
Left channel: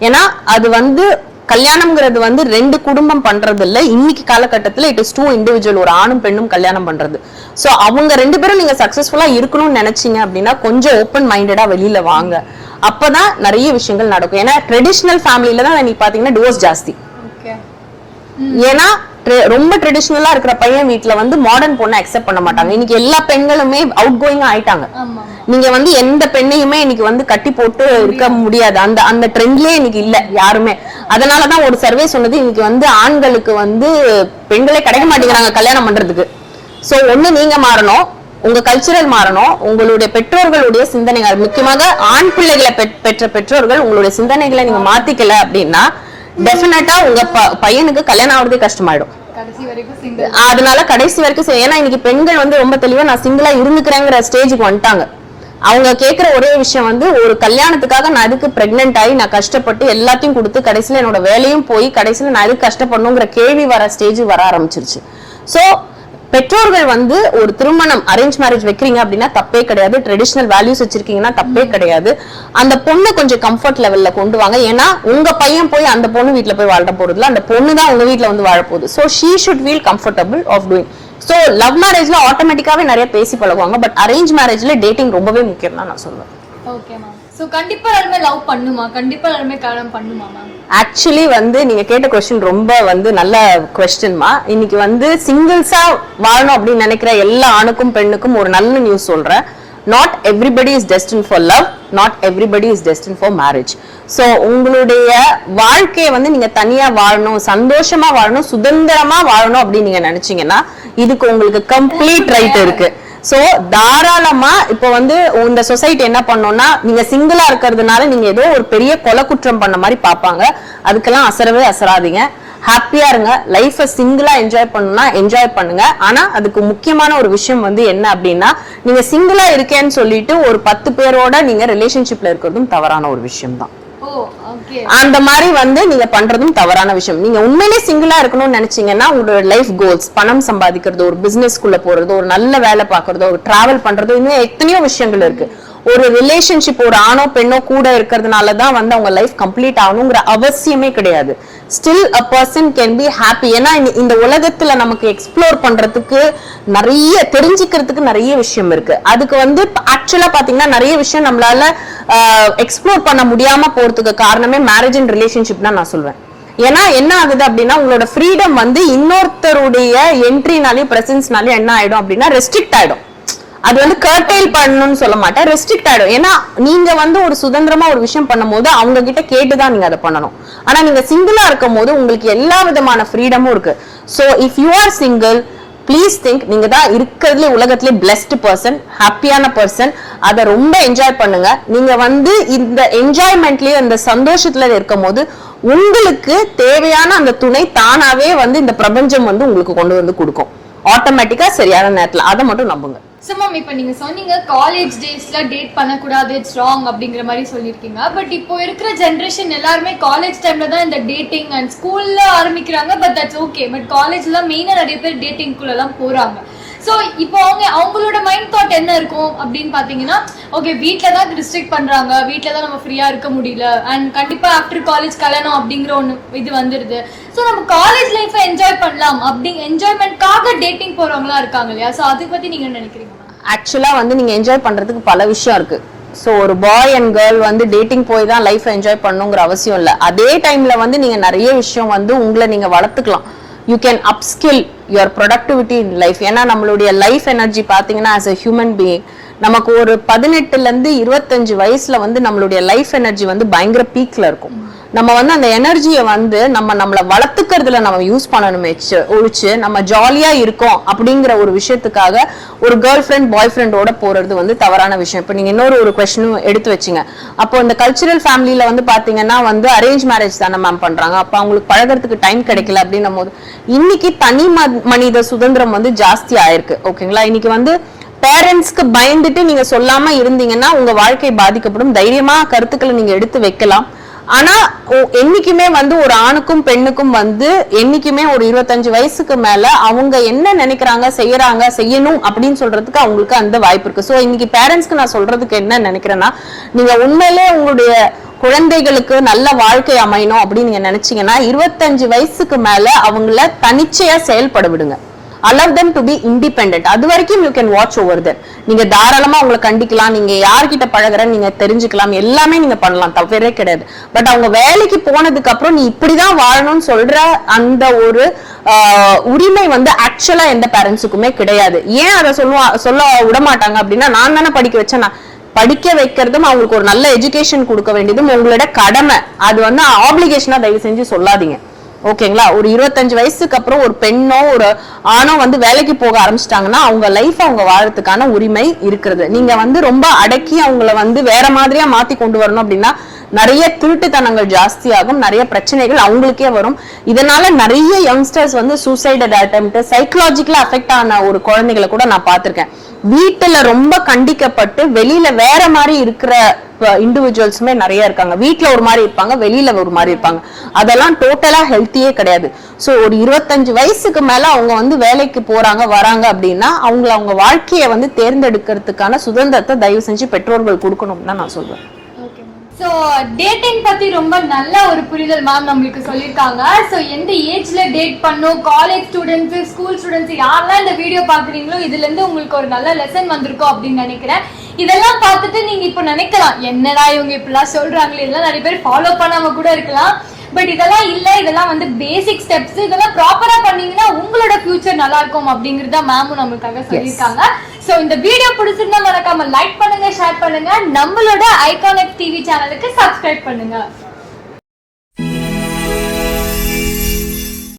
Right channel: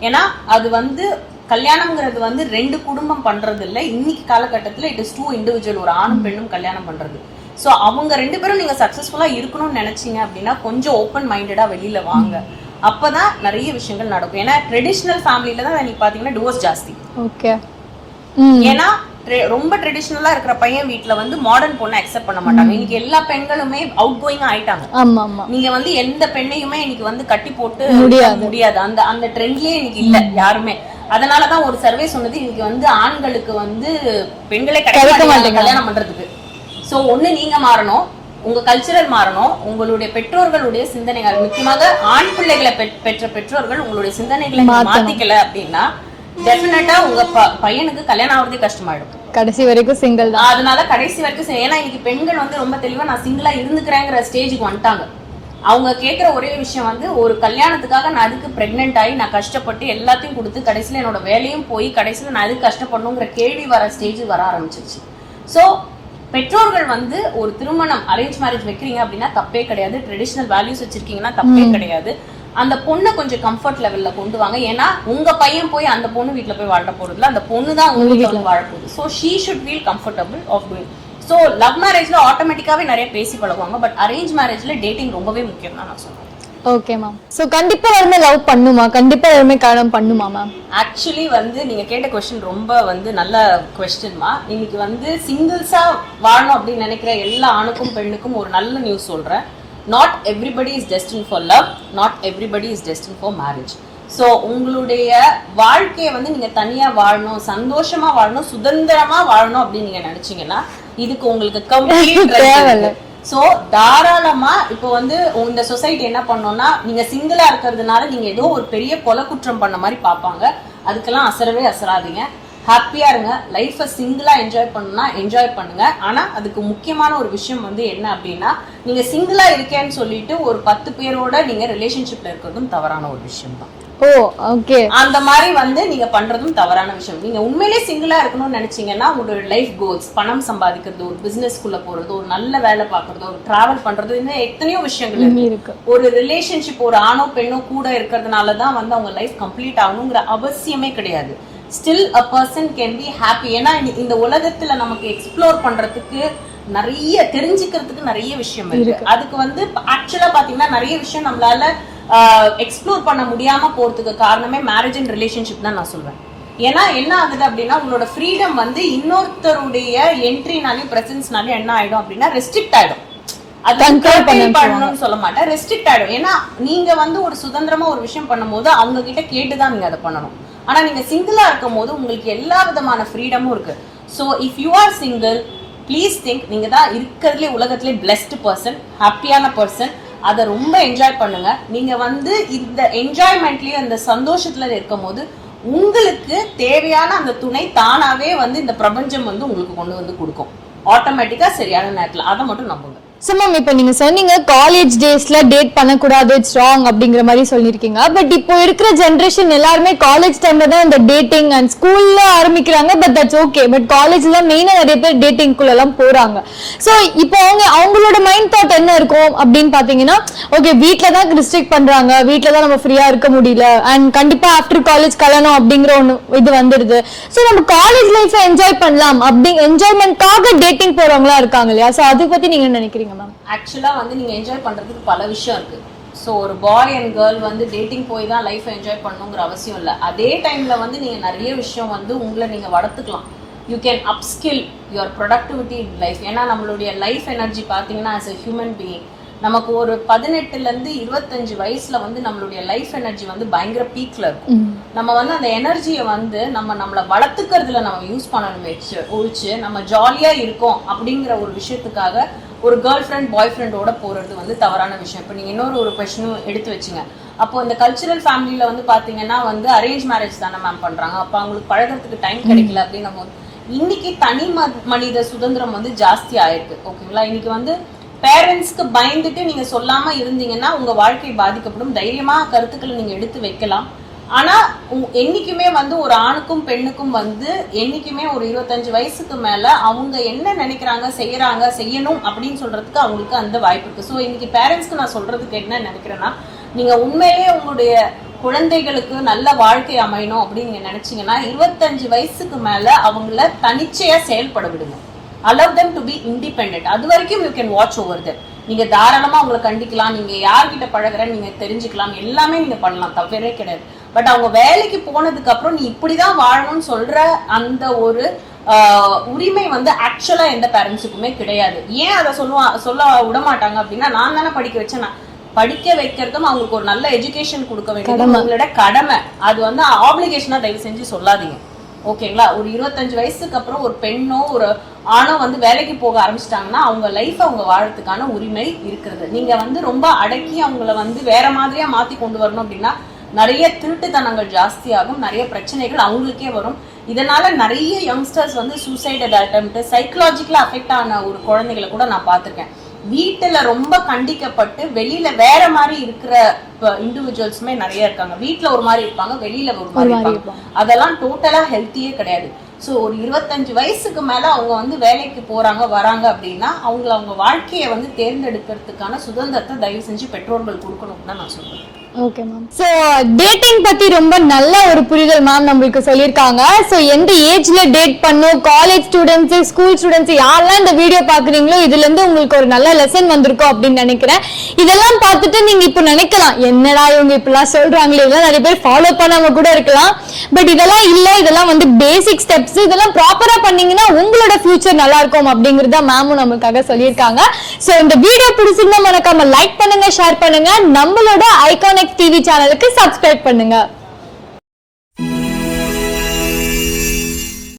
ஏன்னா அது வந்து கல்யாணம்ங்கிறது வந்து 2 குடும்பம் பண்றது இல்ல. இன்னைக்கு காலகட்டத்துல இட் இஸ் 2 இண்டிவிஜுவல், ஒரு ஆணும் பெண்ணும் கல்யாணம் பண்றது. சோ அவங்க 2 பேரும் நீங்க சக்சஸ்ஃபுல்லா இருக்கணும்னு நினைச்சீங்க அப்படின்னா கொஞ்சம் ஓப்பன் மைண்டடா வெளியில வாங்க. அப்பதான் நிறைய விஷயங்கள் நடக்கும். ஏன்னா ட்ரெடிஷனல் ஃபேமிலில தான் நீங்க பாத்தீங்கன்னா டிவோர்ஸ் ஜாஸ்தி. ஏன்னா ரொம்ப ட்ரெடிஷனலா இருக்கிற பையன் வீட்டுல வந்து மாடர்ன் பொண்ணை அக்செப்ட் பண்ண மாட்டாங்க. இன்னைக்கு எல்லா பெண்களுமே அவுட் கோயிங் ஆயிட்டாங்க. நீங்க வந்து எந்த பெண்ணையுமே இன்னைக்கு வந்து கட்டி போட்டு முடியாது. அந்த ட்ரெண்ட்லயே இன்னைக்கு இல்ல யாருமே. அதனாலதான் ஒரு சர்வே சொன்னது இன்னைக்கு வந்து ஆண்களுக்கு வந்து பெண்களே கிடைக்க மாட்டேங்கிறாங்க கல்யாணம் பண்றதுக்கு. சோ ஒண்ணு நீங்க மாறணும், உங்க கல்ச்சரல் மாறணும், உங்களுடைய பெற்றோர்களுடைய சிந்தனைகள், முக்கியமாக ஆண் பிள்ளைகளை பெற்ற பெற்றோர்கள் உங்களுடைய சிந்தனைகளை நீங்க மாத்திக்கல அப்படின்னா டெஃபினட்டா உங்க பையனுக்கு கல்யாணம் ஆகுறதே கஷ்டமாயிடும். கடைசி வரைக்கும் சிங்கிள். அதனால கடைசி வரைக்கும் ஏன்னா இன்னைக்கு பெண்கள் வந்து ரொம்ப தெளிவா நான் சிங்கிளா இருந்துக்கிறேங்கிற ஸ்டேஜுக்கு வந்துட்டாங்க. அவங்க கேட்கிற ஒரே விஷயம் வந்து ஒரு கல்யாணத்துக்காக நான் அதுக்கு பிரெக்னென்ட் ஆகி நான் கஷ்டப்பட்டு எல்லாத்தையும் கொடுத்து கடைசியில என்னோட வேலையும் போய் கடைசியில நான் எதுக்கு கஷ்டப்படணுங்கிற கேள்வி வர ஸ்டேஜ் வர ஆரம்பிச்சிருச்சு. சோ பெற்றோர்கள் வந்து ஒரு திருமணம் அரேஞ்ச் மேரேஜ் வைக்கிறீங்க அப்படின்னா தப்பே கிடையாது. ட்ரெடிஷனல் வேல்யூஸ் வச்சிருக்கீங்கன்னா தப்பே கிடையாது. அந்த பொண்ணு கொஞ்சம் கம்ஃபர்ட் லெவல்ல கொண்டு வாங்க. ஏன்னா உங்க பையன் போய் அந்த பொண்ணு வீட்டுல போய் வாழ போறதுல அந்த பொண்ணு தான் உங்க வீட்டுல வந்து வாழ போகுது. So she should feel comfortable of doing. So love மேரேஜ்ல ஆட்டோமேட்டிக்காவே நிறைய பேசி பழகுவாங்க. பட் அரேஞ்ச் மேரேஜ்ல டேட்டிங் ரொம்பவே முக்கியம் தான் நான் சொல்லுவேன். Okay ma'am. சோ கண்டிப்பா எல்லாருமே லவ் பண்ணுமா? கண்டிப்பா எல்லாருமே கல்யாணம் பண்ணுமா மேம்? ஆக்சுவலி வந்து நீங்க கேட்ட क्वेश्चन ரொம்ப வந்து நல்ல क्वेश्चनமா. இன்னைக்கு வந்து சிங்கிள்ஸா வாழணும் அப்படின்னு நினைக்கிற எல்லா ஆணுக்கும் பெண்ணுக்கும் ஒரு நல்ல நியூஸ் சொல்றேன். Not everybody is destined for love, not everybody is destined for marriage. So உங்களுடைய வாழ்க்கையை வந்து நீங்க தனியா வாழணும், சந்தோஷமா வாழணும், சுதந்திரமா வாழணும் அப்படின்னு நீங்க நினைச்சீங்கன்னா இதுக்கு உங்களுக்கு கம்ப்ளீட் ரைட் இருக்கு. சோ தாராளமா இப்ப வந்து இந்த சொசைட்டி என்ன பண்ணோம்னா நீங்க சிங்கிளா இருக்கிறதுனால நீங்க ஏதோ ஒரு பெரிய கொலை குற்றம் பண்ண மாதிரி பாப்பாங்க. அதுக்கெல்லாம் அசரவே அசராதீங்க. ஹாப்பியா இருங்க. லைஃப சிங்கிளா என்ஜாய் பண்ணணும்னா என்ஜாய் பண்ணுங்க. ஆனா அதுக்கு முக்கியமான ஒரு விஷயம் வந்து என்ன அப்படின்னா நீங்க சிங்கிளா இருக்கேன்னு சொல்லிட்டு ஒரு 10 பேரோட நீங்க ரிலேஷன்ஷிப்ல இருக்கிறதும் தவறான ஒரு விஷயம் தான். ஓ ஓகே. அந்த மாதிரி வந்து நீங்க பண்றதும் தவறான விஷயம். நீங்க உண்மையிலேயே சிங்கிளா இருக்கணும்னு நினைச்சீங்கன்னா உங்களோட லைஃப் கோல்ஸ், பணம் சம்பாதிக்கிறது, ஒரு பிசினஸ்க்குள்ள போறது, ஒரு நல்ல வேலை பார்க்கறதோ, ஒரு டிராவல் பண்றதோ, இன்னும் எத்தனையோ விஷயங்கள் இருக்கு. ஒரு ரிலேஷன்ஷிப், ஒரு ஆணோ பெண்ணோ கூட இருக்கிறதுனாலதான் வந்து அவங்க லைஃப் கம்ப்ளீட் ஆகணுங்கிற அவசியமே கிடையாது. Still a person can be happy. ஏன்னா இந்த உலகத்துல நமக்கு எக்ஸ்ப்ளோர் பண்றதுக்கு நிறைய தெரிஞ்சுக்கிறதுக்கு நிறைய விஷயம் இருக்கு. அதுக்கு வந்து ஆக்சுவலா பாத்தீங்கன்னா நிறைய விஷயம் நம்மளால எக்ஸ்ப்ளோர் பண்ண முடியாம போறதுக்கு காரணமே மேரேஜ் அண்ட் ரிலேஷன்ஷிப் தான் நான் சொல்வேன். ஏன்னா என்ன ஆகுது அப்படின்னா உங்களோட ஃப்ரீடம் வந்து இன்னொருத்தருடைய என்ட்ரினாலே பிரசன்ஸ்னாலே என்ன ஆயிடும் அப்படின்னா ரெஸ்ட்ரிக்ட் ஆயிடும். அது வந்து கர்டைல் பண்ணணும்னு சொல்ல மாட்டேன், ரெஸ்ட்ரிக்ட் ஆயிடும். ஏன்னா நீங்க வந்து ஒரு சுதந்திரமா ஒரு விஷயம் பண்ணும்போது அவங்க கிட்ட கேட்டுதான் நீங்க அதை பண்ணணும். ஆனா நீங்க சிங்கிளா இருக்கும் போது உங்களுக்கு எல்லா விதமான ஃப்ரீடமும் இருக்கு. So if you are single, please think நீங்க தான் இருக்கிறதுல உலகத்திலே பிளெஸ்ட் பர்சன், ஹாப்பியான பர்சன். அதை ரொம்ப என்ஜாய் பண்ணுங்க. நீங்க வந்து இந்த என்ஜாய்மெண்ட்லயே அந்த சந்தோஷத்துல இருக்கும் போது உங்களுக்கு தேவையான அந்த துணை தானாவே வந்து இந்த பிரபஞ்சம் வந்து உங்களுக்கு கொண்டு வந்து கொடுக்கும் ஆட்டோமேட்டிக்கா சரியான நேரத்துல. அதை மட்டும் நம்புங்க. சோ மேம், இப்ப நீங்க சொன்னீங்க காலேஜ் டேஸ்ல டேட் பண்ணக்கூடாது, இட்ஸ் ராங் அப்படிங்கிற மாதிரி சொல்லிருக்கீங்க. பட் இப்போ இருக்கிற ஜெனரேஷன் எல்லாருமே காலேஜ் டைம்ல தான் இந்த டேட்டிங் அண்ட் ஸ்கூல்ல ஆரம்பிக்கிறாங்க. But that's okay. பட் காலேஜ்ல தான் மெயினா நிறைய பேர் டேட்டிங் குள்ள எல்லாம் போறாங்க. சோ இப்போ அவங்களோட மைண்ட் தாட் என்ன இருக்கும் அப்படின்னு பாத்தீங்கன்னா, ஓகே வீட்ல தான் ரெஸ்ட்ரிக்ட் பண்றாங்க, வீட்ல தான் நம்ம ஃப்ரீயா இருக்க முடியல, அண்ட் கண்டிப்பா ஆஃப்டர் காலேஜ் கல்யாணம் அப்படிங்கிற ஒண்ணு இது வந்துருது. சோ நம்ம காலேஜ் லைஃப் என்ஜாய் பண்ணலாம் அப்படி என்ஜாய்மெண்ட்காக டேட்டிங் போறவங்களா இருக்காங்க இல்லையா? சோ அதை பத்தி நீங்க நினைக்கிறீங்க? ஆக்சுவலா வந்து நீங்க என்ஜாய் பண்றதுக்கு பல விஷயம் இருக்கு. சோ ஒரு பாய் அண்ட் கேர்ள் வந்து டேட்டிங் போய் தான் லைஃப் என்ஜாய் பண்ணுங்கிற அவசியம் இல்ல. அதே டைம்ல வந்து நீங்க நிறைய விஷயம் வந்து உங்களை நீங்க வளர்த்துக்கலாம். You can upskill your productivity in life. ஏன்னா நம்மளுடைய லைஃப் எனர்ஜி பாத்தீங்கன்னா ஆஸ் எ ஹியூமன் பீயிங் நமக்கு ஒரு 18ல இருந்து 25 வயசுல வந்து நம்மளுடைய லைஃப் எனர்ஜி வந்து பயங்கர பீக்ல இருக்கும். நம்ம வந்து அந்த எனர்ஜியை வந்து நம்மளை வளர்த்துக்கிறதுல நம்ம யூஸ் பண்ணணுமே ஒழிச்சு நம்ம ஜாலியா இருக்கோம் அப்படிங்கிற ஒரு விஷயத்துக்காக ஒரு கேர்ள் ஃப்ரெண்ட் பாய் ஃப்ரெண்டோட போறது வந்து தவறான விஷயம். இப்ப நீங்க இன்னொரு ஒரு கொஸ்டினும் எடுத்து வச்சுங்க. அப்போ இந்த கல்ச்சுரல் ஃபேமிலியில வந்து பாத்தீங்கன்னா வந்து அரேஞ்ச் மேரேஜ் தானே மேம் பண்றாங்க. அப்ப அவங்களுக்கு பழகிறதுக்கு டைம் கிடைக்கல அப்படின்னும் போது இன்னைக்கு தனி மனித சுதந்திரம் வந்து ஜாஸ்தி ஆயிருக்கு. ஓகேங்களா? இன்னைக்கு வந்து பேரண்ட்ஸ்க்கு பயந்துட்டு நீங்க சொல்லாம இருந்தீங்கன்னா உங்க வாழ்க்கை பாதிக்கப்படும். தைரியமா கருத்துக்களை நீங்க எடுத்து வைக்கலாம். ஆனா என்னைக்குமே வந்து ஒரு ஆணுக்கும் பெண்ணுக்கும் வந்து என்னைக்குமே ஒரு 25 வயசுக்கு மேல அவங்க என்ன நினைக்கிறாங்க, செய்யணும் அப்படின்னு சொல்றதுக்கு அவங்களுக்கு அந்த வாய்ப்பு இருக்கு. சோ இன்னைக்கு பேரண்ட்ஸ்க்கு நான் சொல்றதுக்கு என்ன நினைக்கிறேன்னா, நீங்க உண்மையிலே உங்களுடைய குழந்தைகளுக்கு நல்ல வாழ்க்கை அமையணும் அப்படின்னு நீங்க நினைச்சீங்கன்னா 25 வயசுக்கு மேல அவங்கள தனிச்சையா செயல்பட விடுங்க. allow them to be independent. அது வரைக்கும் you can watch over them. நீங்க தாராளமா உங்களை கண்டிக்கலாம், நீங்க யார்கிட்ட பழகுறன்னு நீங்க தெரிஞ்சுக்கலாம், எல்லாமே நீங்க பண்ணலாம், தவறே கிடையாது. பட் அவங்க வேலைக்கு போனதுக்கு அப்புறம் நீ இப்படிதான் வாழணும்னு சொல்ற அந்த ஒரு உரிமை வந்து ஆக்சுவலா எந்த பேரண்ட்ஸுக்குமே கிடையாது. ஏன் அதை சொல்ல விட மாட்டாங்க அப்படின்னா, நான் தானே படிக்க வச்சேன், நான் படிக்க வைக்கிறதும் அவங்களுக்கு ஒரு நல்ல எஜுகேஷன் கொடுக்க வேண்டியதும் உங்களோட கடமை. அது வந்து ஆப்ளிகேஷனா தயவு செஞ்சு சொல்லாதீங்க. ஓகேங்களா? ஒரு 25 வயசுக்கு அப்புறம் ஒரு பெண்ணோ ஒரு ஆணோ வந்து வேலைக்கு போக ஆரம்பிச்சிட்டாங்கன்னா அவங்க லைஃப் அவங்க வாழறதுக்கான உரிமை இருக்கிறது. நீங்க வந்து ரொம்ப அடக்கி அவங்கள வந்து வேற மாதிரியா மாத்தி கொண்டு வரணும் அப்படின்னா நிறைய திருட்டுத்தனங்கள் ஜாஸ்தி ஆகும், நிறைய பிரச்சனைகள் அவங்களுக்கே வரும். இதனால நிறைய யங்ஸ்டர்ஸ் வந்து சூசைட் அட்டெம்ப்ட், சைக்கலாஜிக்கலா அஃபெக்ட் ஆன ஒரு குழந்தைகளை கூட நான் பார்த்திருக்கேன். வீட்டுல ரொம்ப கண்டிக்கப்பட்டு வெளியில வேற மாதிரி இருக்கிற இண்டிவிஜுவல்ஸுமே நிறைய இருக்காங்க. வீட்டுல ஒரு மாதிரி இருப்பாங்க, வெளியில ஒரு மாதிரி இருப்பாங்க. அதெல்லாம் டோட்டலா ஹெல்த்தியே கிடையாது. சோ ஒரு 25 வயசுக்கு மேல அவங்க வந்து வேலைக்கு போறாங்க வராங்க அப்படின்னா அவங்க வாழ்க்கையை வந்து தேர்ந்தெடுக்கிறதுக்கான சுதந்திரத்தை தயவு செஞ்சு பெற்றோர்கள் கொடுக்கணும்னு தான் நான் சொல்றேன். Okay ma'am. சோ டேட்டிங் பத்தி ரொம்ப நல்ல ஒரு புரிதல் மேம் நம்மளுக்கு சொல்லிருக்காங்க. சோ எந்த ஏஜ்ல டேட் பண்ணும், காலேஜ் ஸ்டூடெண்ட்ஸ், ஸ்கூல் ஸ்டூடெண்ட்ஸ் யாரெல்லாம் இந்த வீடியோ பாக்குறீங்களோ இதுல இருந்து உங்களுக்கு ஒரு நல்ல லெசன் வந்திருக்கும் அப்படின்னு நினைக்கிறேன். இதெல்லாம் பார்த்துட்டு நீங்க இப்ப நினைக்கலாம், என்னடா இவங்க இப்படிலாம் சொல்றாங்களே, இதெல்லாம் நிறைய பேர் ஃபாலோ பண்ணாம கூட இருக்கலாம். பட் இதெல்லாம் இல்ல, இதெல்லாம் வந்து பேசிக் ஸ்டெப்ஸ். இதெல்லாம் ப்ராப்பரா பண்ணீங்கன்னா உங்களோட ஃபியூச்சர் நல்லா இருக்கும் அப்படிங்கறத மேமும் நம்மளுக்காக சொல்லியிருக்காங்க. சோ இந்த வீடியோ பிடிச்சிருந்தா மறக்காம லைக் பண்ணுங்க, ஷேர் பண்ணுங்க, நம்மளோட ஐகானிக் டிவி சேனலுக்கு சப்ஸ்கிரைப் பண்ணுங்க.